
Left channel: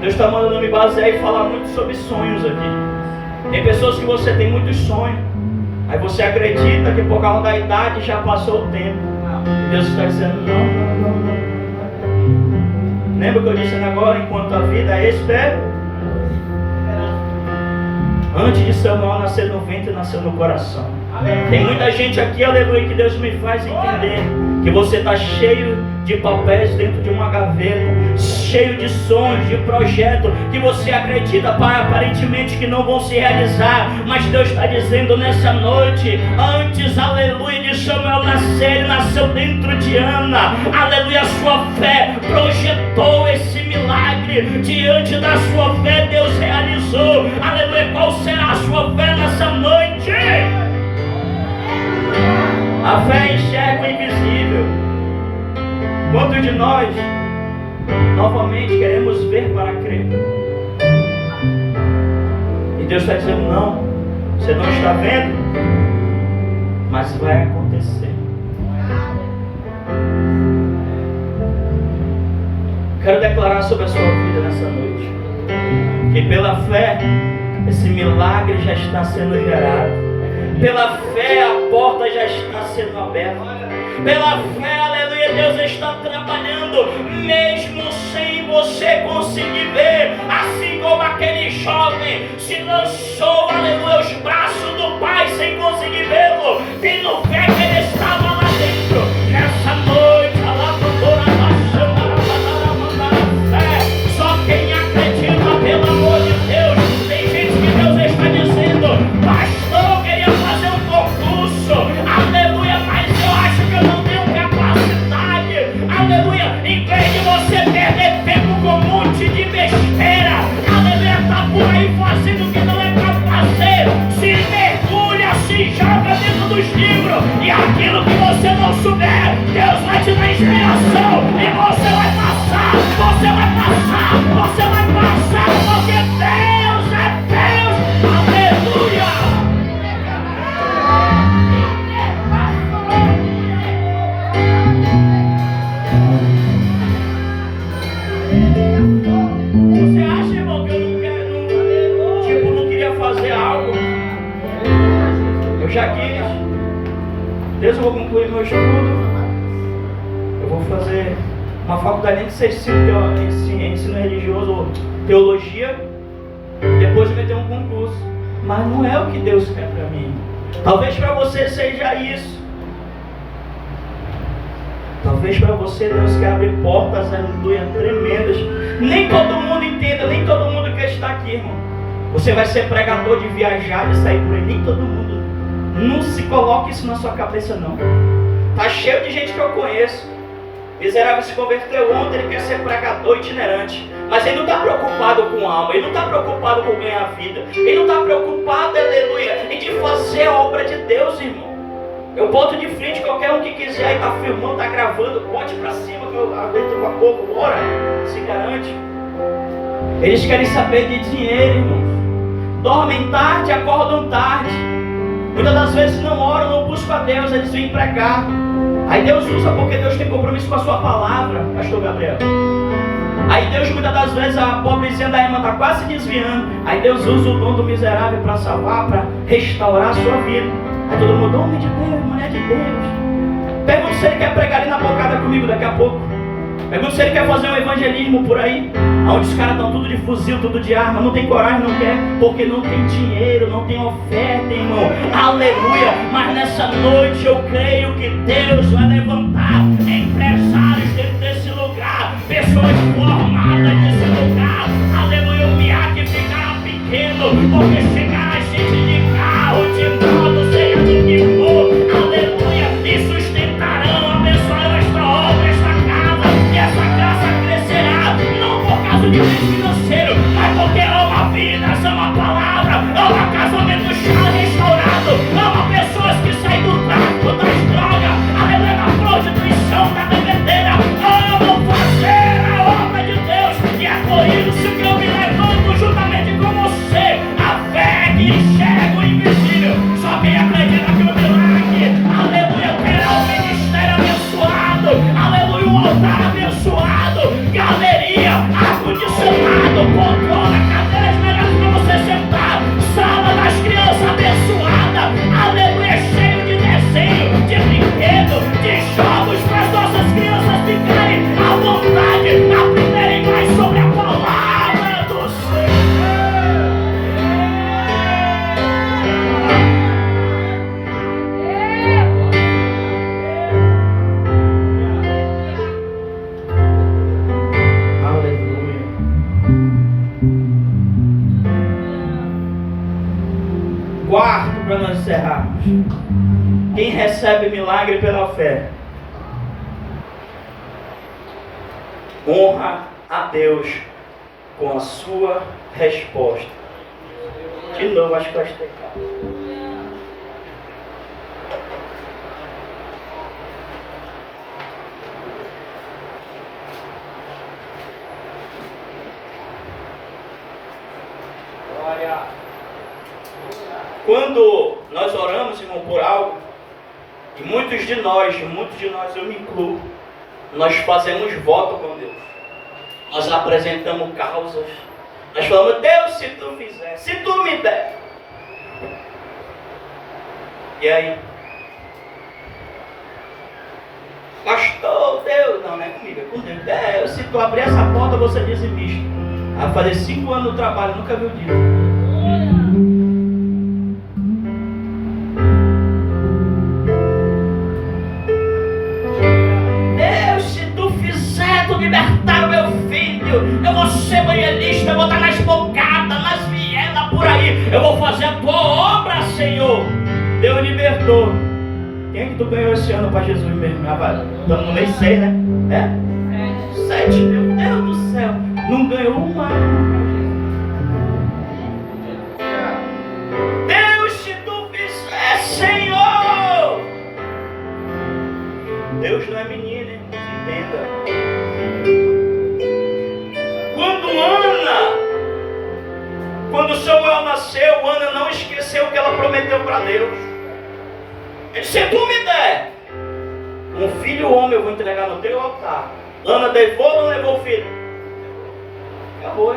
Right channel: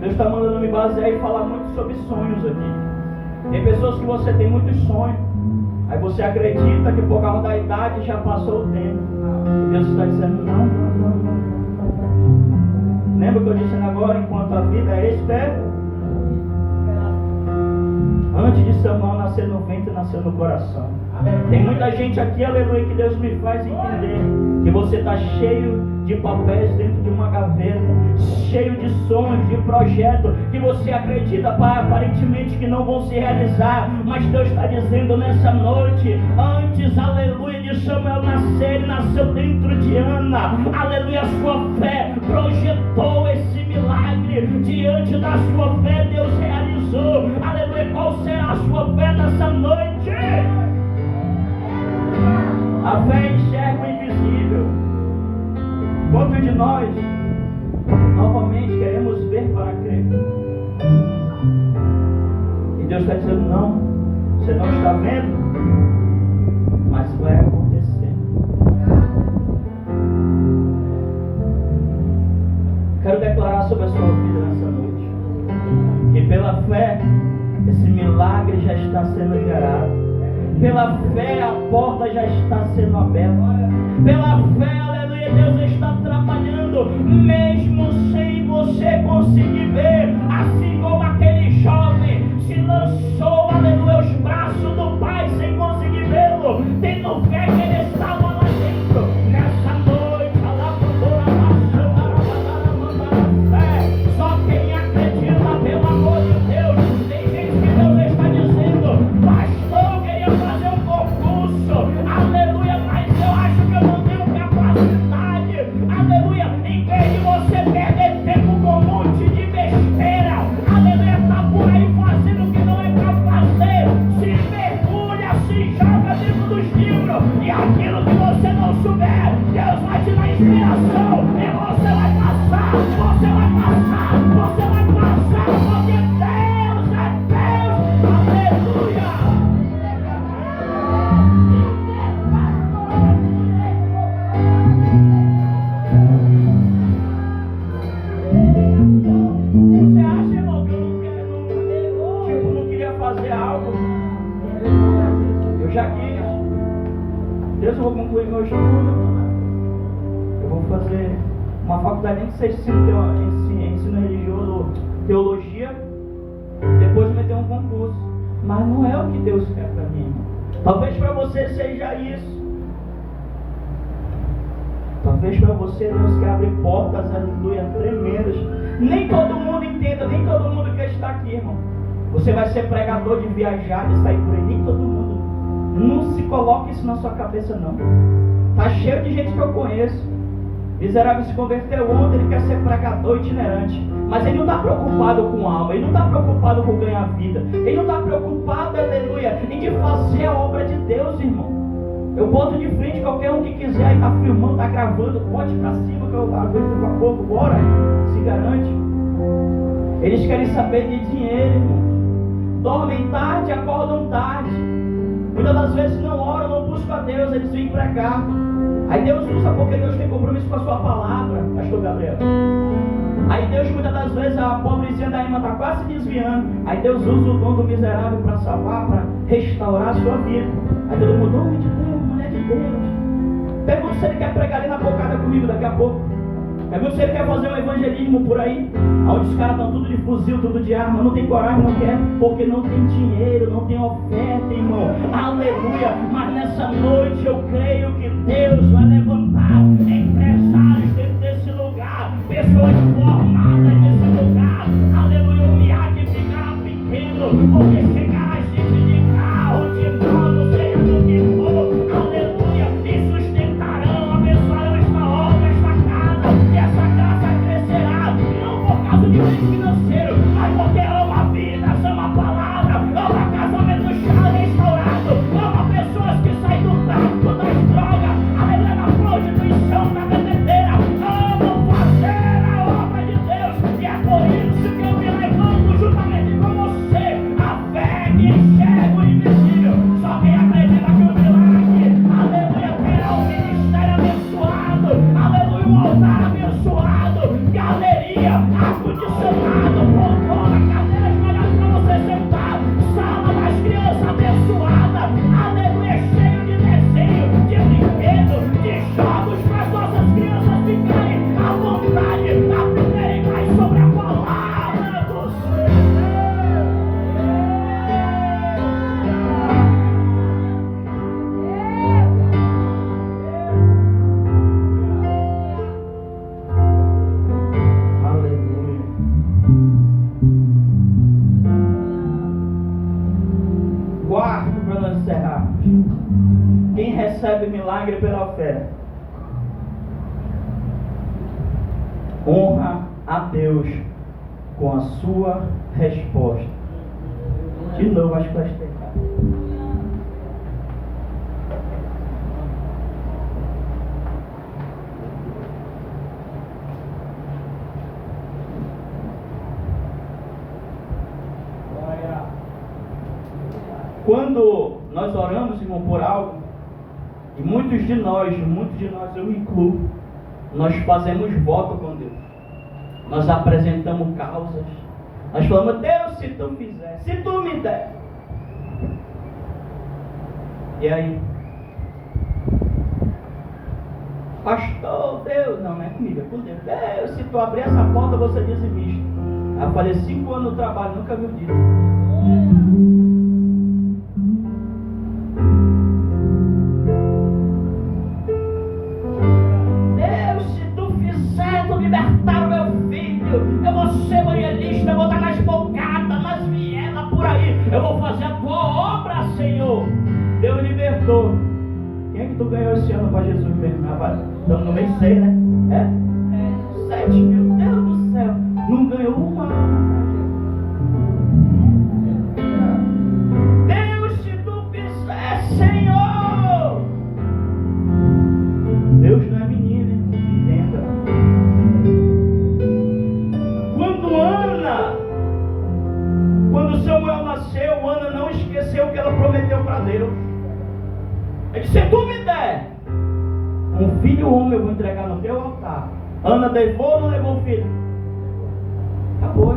Deus está mandando me basear e falar muito sobre sonhos aqui. Tem pessoas que você tem muitos sonhos, aí você acredita que por causa da idade já passou o tempo. E Deus está dizendo, não. Lembra que eu disse agora, enquanto a vida é espera? Antes de Samuel nascer no ventre, nasceu no coração. Tem muita gente aqui, aleluia, que Deus me faz entender que você está cheio de papéis dentro de uma gaveta, cheio de sonhos, de projetos que você acredita aparentemente que não vão se realizar, mas Deus está dizendo nessa noite, antes, aleluia, de Samuel nascer, ele nasceu dentro de Ana, aleluia, a sua fé projetou esse milagre, diante da sua fé Deus realizou, aleluia. Qual será a sua fé nessa noite? A fé enxerga o invisível. Quantos de nós novamente queremos ver para crer? E Deus está dizendo, não, você não está vendo, mas vai acontecer. Quero declarar sobre a sua vida nessa noite, que pela fé esse milagre já está sendo gerado. Pela fé a porta já está sendo aberta. Pela fé, aleluia, Deus está trabalhando, mesmo sem você conseguir ver. Assim como aquele jovem se lançou, aleluia, aos braços do Pai sem conseguir vê-lo, tendo fé que ele estava lá dentro. Nessa noite, só quem acredita, pelo amor de Deus. Tem gente que Deus está dizendo, pastor, eu queria fazer um concurso, aleluia, mas eu acho que eu não tenho capacidade, aleluia. Em vez de você perder tempo com um monte de besteira, aleluia, tá por aí fazendo o que não é pra fazer, se mergulha, se joga dentro dos livros, e aquilo que você não souber, Deus vai te dar inspiração, e você vai passar, você vai passar, você vai passar, porque Deus é Deus, aleluia. Você acha, irmão, que eu não quero, tipo, não queria fazer algo? Eu já quis. Deus, eu vou concluir meu estudo. Eu vou fazer uma faculdade nem que seja ensino religioso, teologia. Depois eu meter um concurso. Mas não é o que Deus quer para mim. Talvez para você seja isso. Talvez para você Deus quer abrir portas, aleluia, tremendas. Nem todo mundo entenda, nem todo mundo quer estar aqui, irmão. Você vai ser pregador de viajar, de sair por aí, nem todo mundo. Não se coloque isso na sua cabeça, não. Tá cheio de gente que eu conheço. Miserável se converteu ontem, ele quer ser pregador itinerante. Mas ele não está preocupado com a alma, ele não está preocupado com ganhar vida. Ele não está preocupado, aleluia, em de fazer a obra de Deus, irmão. Eu boto de frente qualquer um que quiser, aí tá filmando, tá gravando, bote pra cima que eu aguento pra pouco, bora, se garante. Eles querem saber de dinheiro, irmão. Dormem tarde, acordam tarde. Muitas das vezes não oram, não buscam a Deus, eles vêm pregar. Aí Deus usa porque Deus tem compromisso com a sua palavra, pastor Gabriel. Aí Deus, muitas das vezes, a pobrezinha da irmã está quase se desviando. Aí Deus usa o dom do miserável para salvar, para restaurar a sua vida. Aí todo mundo, homem de Deus, mulher de Deus. Pergunta se ele quer pregar ali na bocada comigo daqui a pouco. Pergunta se ele quer fazer um evangelismo por aí, onde os caras estão tudo de fuzil, tudo de arma, não tem coragem, não quer, porque não tem dinheiro, não tem oferta, irmão. Aleluia. Mas nessa noite eu creio que Deus vai levantar empresários dentro desse lugar, pessoas formadas nesse lugar. Aleluia. O Miaque ficará pequeno, porque chegará gente de carro, de moto, seja do que for. Aleluia. E sustentarão, abençoarão esta obra, esta casa, e essa casa crescerá, não por causa de bens financeiro, mas porque ama a vida, ama a palavra, ama casamento restaurado, ama pessoas que saem do tráfico, das drogas, aleluia, da prostituição, da bebida. Quem recebe milagre pela fé honra a Deus com a sua resposta. De novo, acho que vai explicar. Quando nós oramos, irmão, por algo, e muitos de nós, eu me incluo, nós fazemos voto com Deus. Nós apresentamos causas. Nós falamos, Deus, se tu fizer, se tu me der. E aí? Pastor, Deus, não é comigo, é com Deus. Deus, se tu abrir essa porta, você dizimista. Aí eu falei 5 anos no trabalho, nunca vi o dia. Libertar o meu filho, eu vou ser evangelista, eu vou estar nas bocadas, nas vielas, por aí, eu vou fazer a tua obra, Senhor. Deus libertou. Quem é que tu ganhou esse ano para Jesus mesmo? Estamos no mês 6, né? É? 7, meu Deus do céu, não ganhou uma. Deus, se tu fizer, Senhor. Deus não é menino, hein? Entenda. Quando Samuel nasceu, Ana não esqueceu o que ela prometeu para Deus. Ele disse, se tu me der um filho homem, eu vou entregar no teu altar. Ana levou ou não levou o filho? Acabou.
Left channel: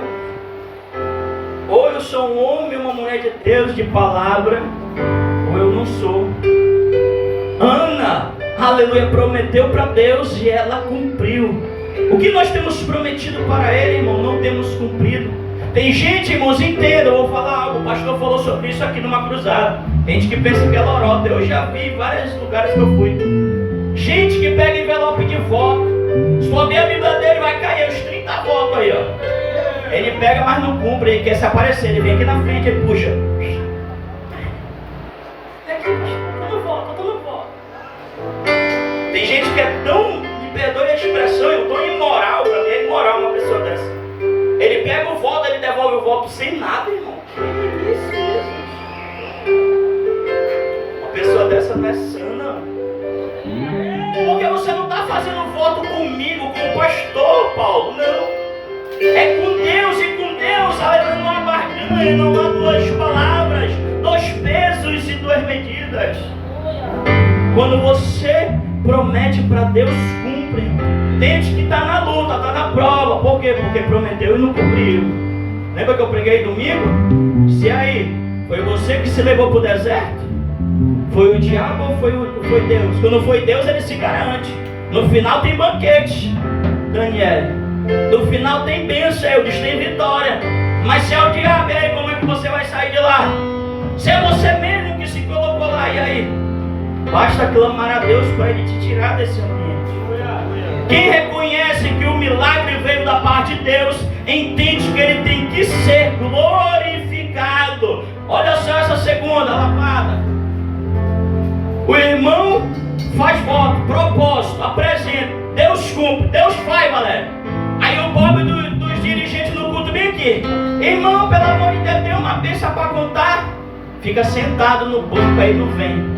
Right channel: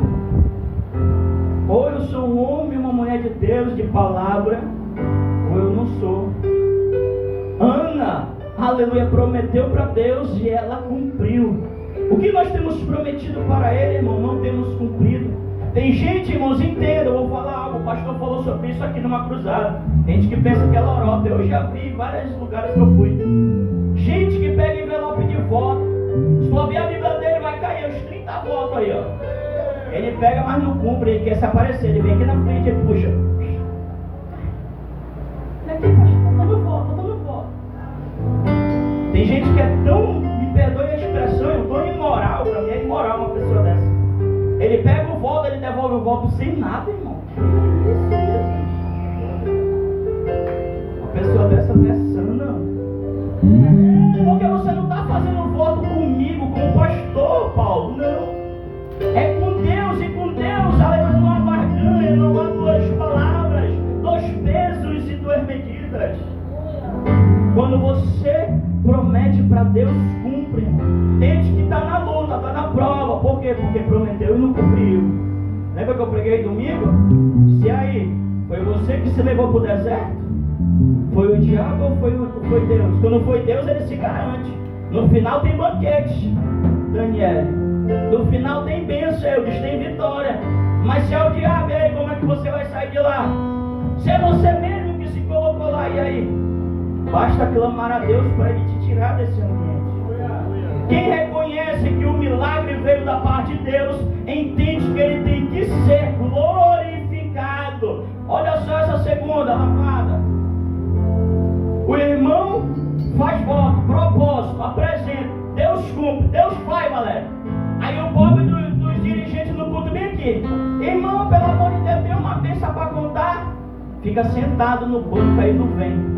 Ou eu sou um homem, uma mulher de Deus, de palavra, ou eu não sou. Ana, aleluia, prometeu para Deus e ela cumpriu. O que nós temos prometido para Ele, irmão, não temos cumprido. Tem gente, irmãos, entenda, eu vou falar algo, o pastor falou sobre isso aqui numa cruzada. Gente que pensa que é lorota, eu já vi em vários lugares que eu fui. Gente que pega envelope de voto, se tu abrir a Bíblia dele vai cair uns 30 votos aí, ó. Ele pega, mas não cumpre, ele quer se aparecer, ele vem aqui na frente, ele puxa. Vem aqui, pastor, eu tô no voto. Tem gente que é tão, me perdoe a expressão, eu tô imoral, pra mim é imoral uma pessoa dessa. Ele pega o voto, ele devolve o voto sem nada, irmão. Que isso, Jesus? Uma pessoa dessa não é sã, não. Porque você não está fazendo voto comigo, com o pastor, Paulo, não. É com Deus, e com Deus, aleluia, não há barganha, não há duas palavras, 2 pesos e 2 medidas. Quando você promete para Deus, cumpre. Tem gente que está na luta, está na prova. Por quê? Porque prometeu e não cumpriu. Lembra que eu preguei domingo? Se aí, foi você que se levou para o deserto? Foi o diabo ou foi Deus? Quando foi Deus, ele se garante. No final tem banquete, Daniel. No final tem bênção, eu disse, tem vitória. Mas se é o diabo, e aí, como é que você vai sair de lá? Se é você mesmo que se colocou lá, e aí? Basta clamar a Deus para Ele te tirar desse ambiente. Quem reconhece que o milagre veio da parte de Deus, entende que ele tem que ser glorificado. Olha só essa segunda lapada. O irmão faz voto, propósito, apresenta. Deus cumpre, Deus faz, galera. Aí o pobre dos dirigentes no culto vem aqui. Irmão, pelo amor de Deus, tem uma bênção para contar. Fica sentado no banco aí, não vem.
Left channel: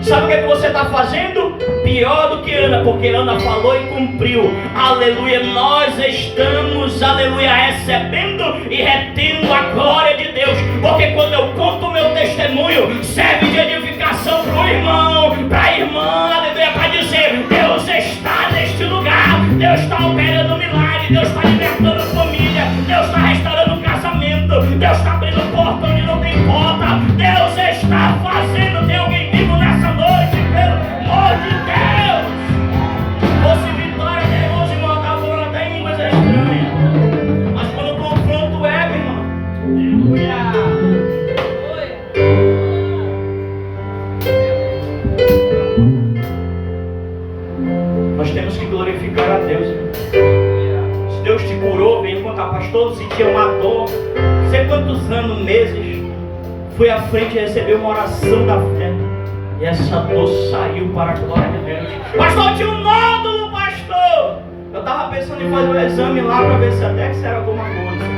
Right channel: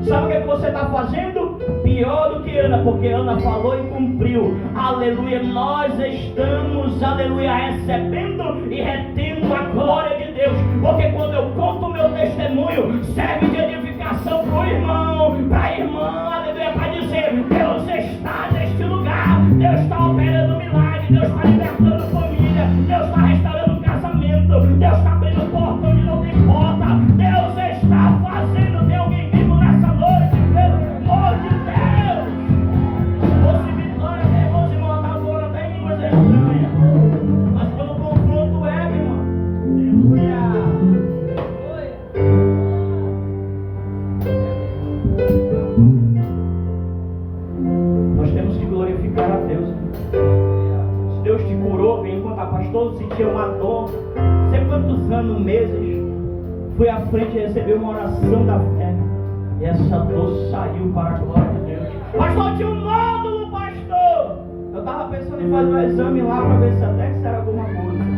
Sabe o que você está fazendo? Pior do que Ana, porque Ana falou e cumpriu. Aleluia, nós estamos, aleluia, recebendo e retendo a glória de Deus. Porque quando eu conto o meu testemunho, serve de edificação para o irmão, para a irmã, aleluia, para dizer, Deus está neste lugar, Deus está operando milagre, Deus está libertando família, Deus está restaurando casamento, Deus está abrindo porta onde não tem porta, Deus está fazendo, tem alguém vivo nessa noite, pelo amor de Deus. Fosse vitória até hoje, irmão, tá falando até em línguas estranhas. Mas quando o confronto é, meu irmão, nós temos que glorificar a Deus, irmão. Se Deus te curou, vem contar, pastor, sentiu uma dor, não sei quantos anos, meses, fui à frente e recebi uma oração da fé. E essa dor saiu para a glória de Deus. Pastor, tinha um nódulo, pastor. Eu estava pensando em fazer um exame lá para ver se até que isso era alguma coisa.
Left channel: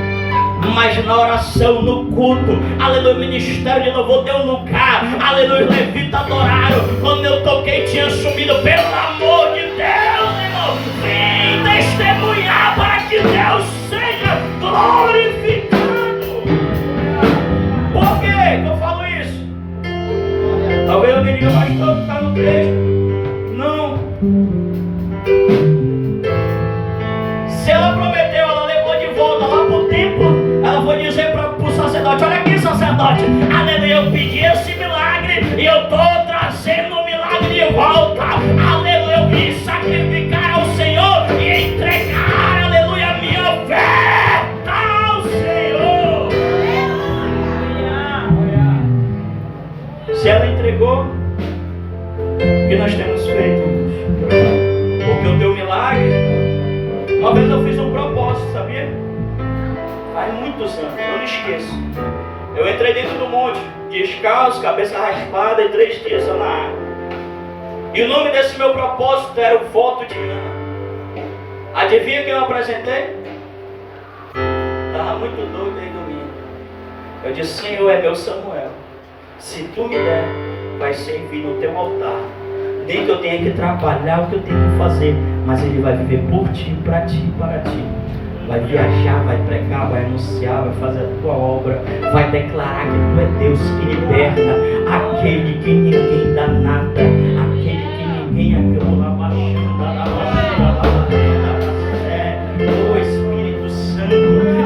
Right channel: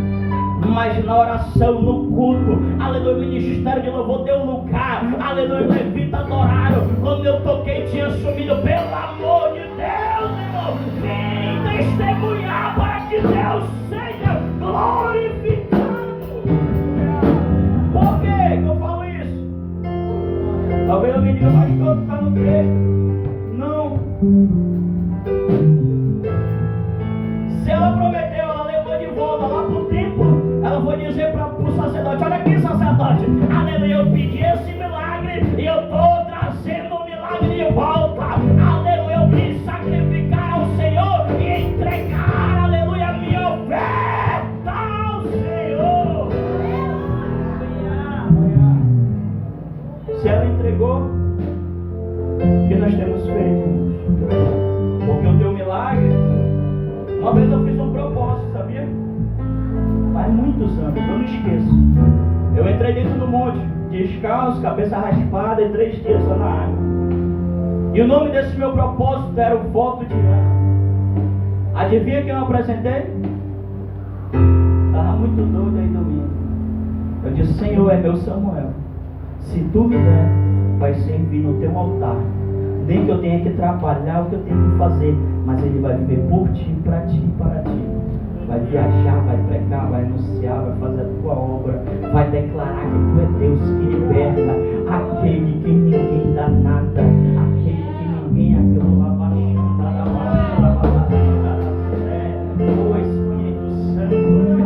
Mas na oração, no culto, aleluia, o ministério de louvor deu lugar, aleluia, os levitas adoraram. Quando eu toquei, tinha sumido. Pelo amor de Deus, irmão, vem testemunhar para que Deus seja glorificado. Por que eu falo isso? Talvez eu diga, pastor, que está no texto. Não. Se ela prometeu, ela levou de volta lá para o templo. Ela foi dizer para o sacerdote: olha aqui, sacerdote, aleluia, eu pedi esse milagre e eu estou trazendo o milagre de volta. Aleluia, eu vim sacrificar ao Senhor e entregar, aleluia, a minha oferta ao Senhor. Se ela entregou, o que nós temos feito? Porque o teu milagre, uma vez eu fiz um propósito, sabia? Faz muitos anos, eu não esqueço. Eu entrei dentro do monte, descalço, cabeça raspada e 3 dias só na água. E o nome desse meu propósito era o voto de Ana. Adivinha quem eu apresentei? Estava muito doido aí domingo. Eu disse: Senhor, é meu Samuel. Se tu me der, vai servir no teu altar. Nem que eu tenha que trabalhar o que eu tenho que fazer, mas ele vai viver por ti, para ti, para ti. Vai viajar, vai pregar, vai anunciar, vai fazer a tua obra, vai declarar que tu é Deus que liberta, aquele que ninguém dá nada, aquele que ninguém aquilo lá baixando, o Espírito Santo.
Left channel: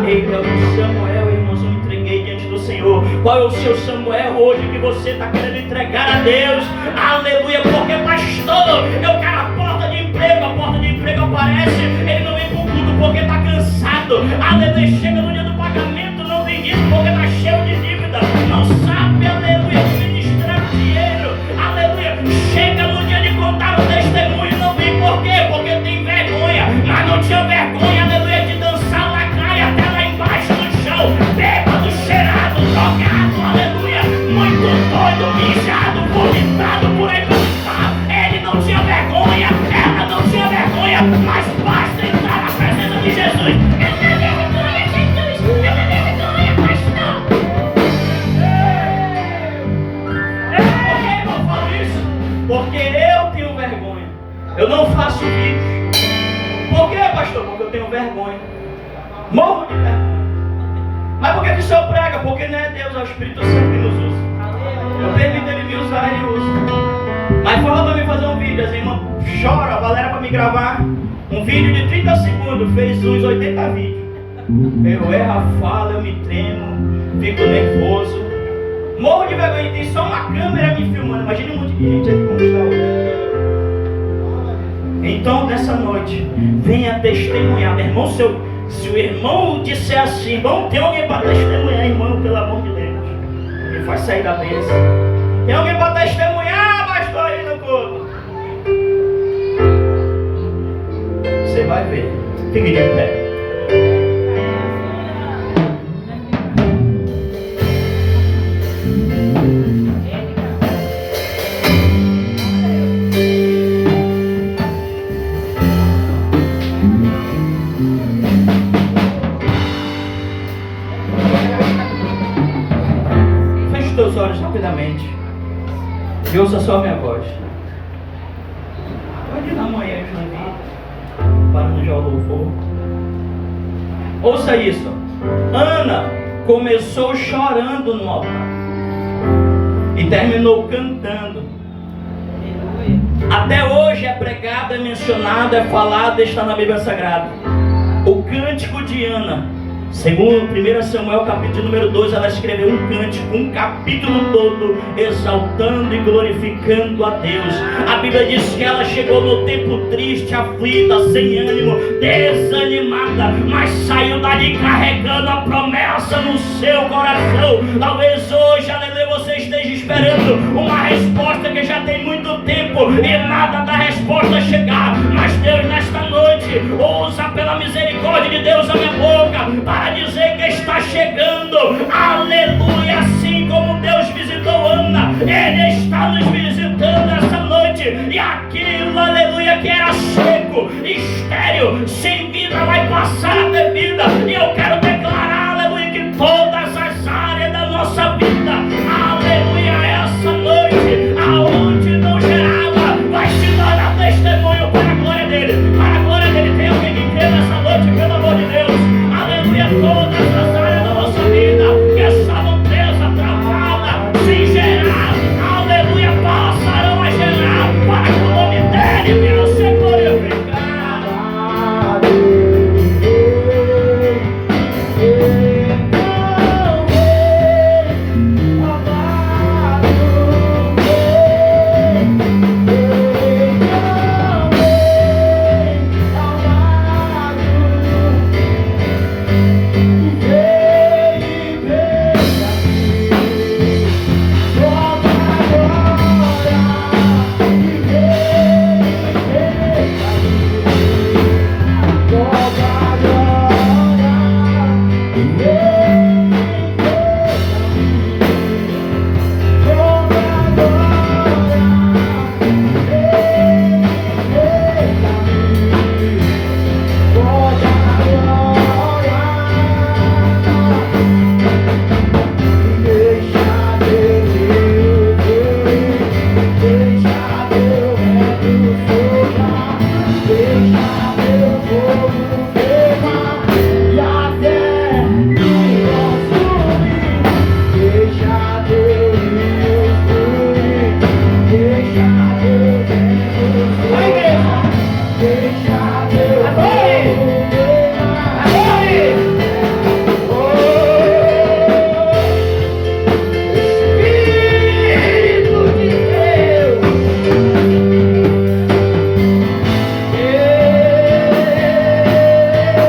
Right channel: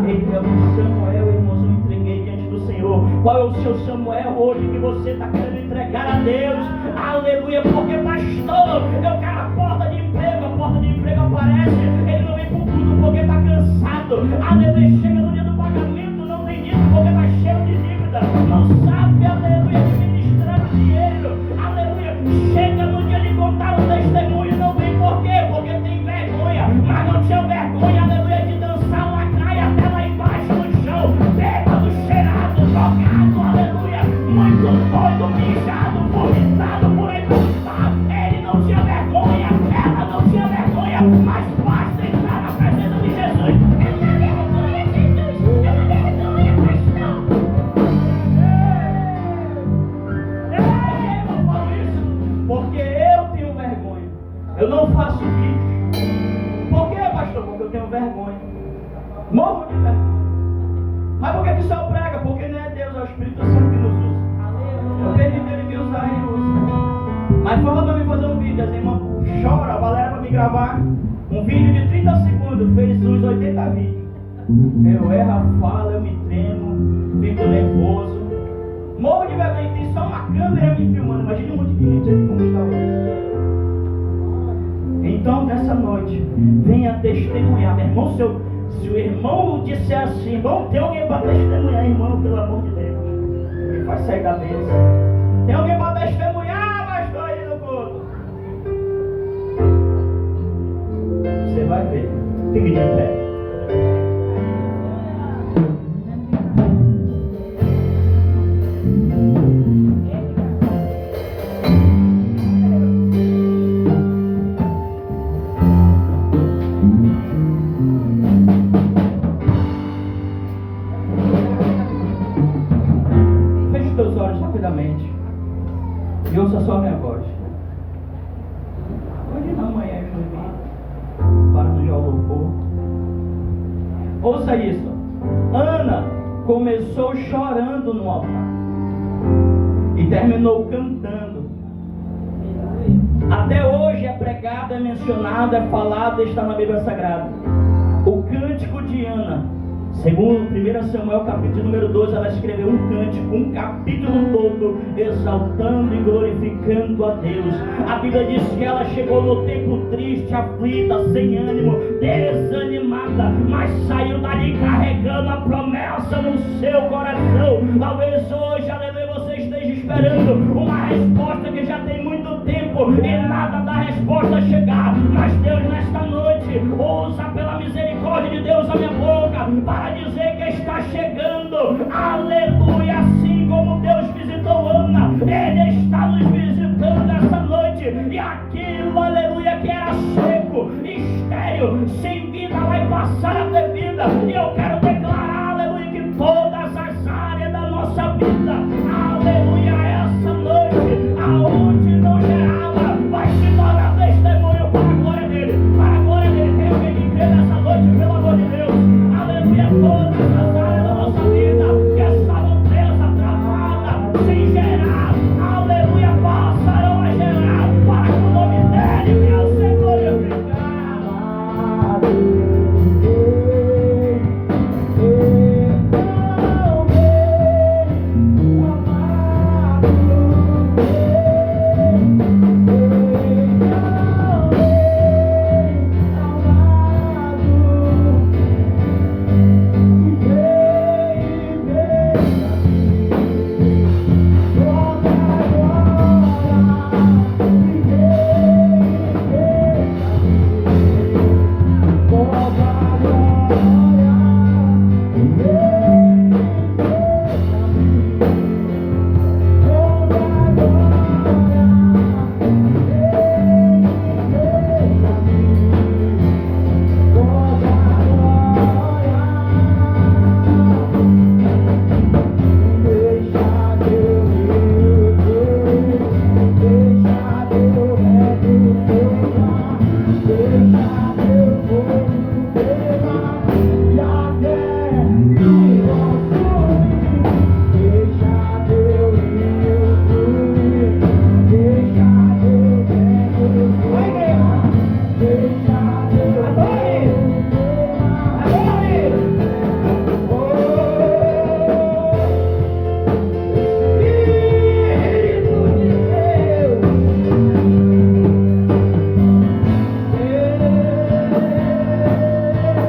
Ele é o Samuel, irmãos, eu entreguei diante do Senhor. Qual é o seu Samuel hoje que você está querendo entregar a Deus? Aleluia, porque pastor, eu quero a porta de emprego aparece, ele não vem pro culto porque está cansado. Aleluia, chega no dia do pagamento, não tem dinheiro porque está cheio de dívida, não sabe, aleluia, administrar o dinheiro. Aleluia, chega no dia de contar o testemunho, não vem por quê? Porque tem vergonha, mas não tinha vergonha, aleluia, de dançar lacraia até lá embaixo no chão, bêbado, cheirado, drogado, aleluia, muito doido, mijado, vomitado por aí pelo estado. Ele não tinha vergonha, ela não tinha vergonha, mas basta entrar na presença de Jesus. Eu não tenho vergonha, Jesus, eu não tenho vergonha, pastor. Por que eu falo isso? Porque eu tenho vergonha, eu não faço vídeo. Por que, pastor? Porque eu tenho vergonha, morro de vergonha. Mas por que o senhor prega? Porque não é Deus, é o Espírito Santo que nos usa. Eu permito ele me usar, ele usa. Mas fala para mim fazer um vídeo, as irmãs choram, a Valéria para me gravar um vídeo de 30 segundos, fez uns 80 vídeos. Eu erro a fala, eu me tremo, fico nervoso, morro de vergonha, tem só uma câmera me filmando. Imagina um monte de gente aqui como está hoje. Então nessa noite, venha testemunhar, meu irmão. Se o irmão disser assim: irmão, tem alguém para testemunhar, irmão, pelo amor de Deus, ele vai sair da bênção. Tem alguém para testemunhar, pastor, aí no culto? Você vai ver. Fique de pé. Feche os teus olhos rapidamente e ouça só a minha voz. Pode dar uma olhada parando já o louvor. Ouça isso. Ana começou chorando no altar e terminou cantando. Até hoje é pregado, é mencionado, é falado, está na Bíblia Sagrada. O cântico de Ana, segundo 1 Samuel capítulo número 2, ela escreveu um cântico, um capítulo todo, exaltando e glorificando a Deus. A Bíblia diz que ela chegou no templo triste, aflita, sem ânimo, desanimada, mas saiu dali carregando a promessa no seu coração. Talvez hoje, aleluia, você esteja esperando uma resposta que já tem muito tempo e nada da resposta chegar. Mas Deus, nesta noite, usa pela misericórdia de Deus a minha boca para dizer que está chegando. Aleluia, assim como Deus visitou Ana, Ele está nos visitando noite, e aquilo, aleluia, que era seco, estéril, sem vida, vai passar a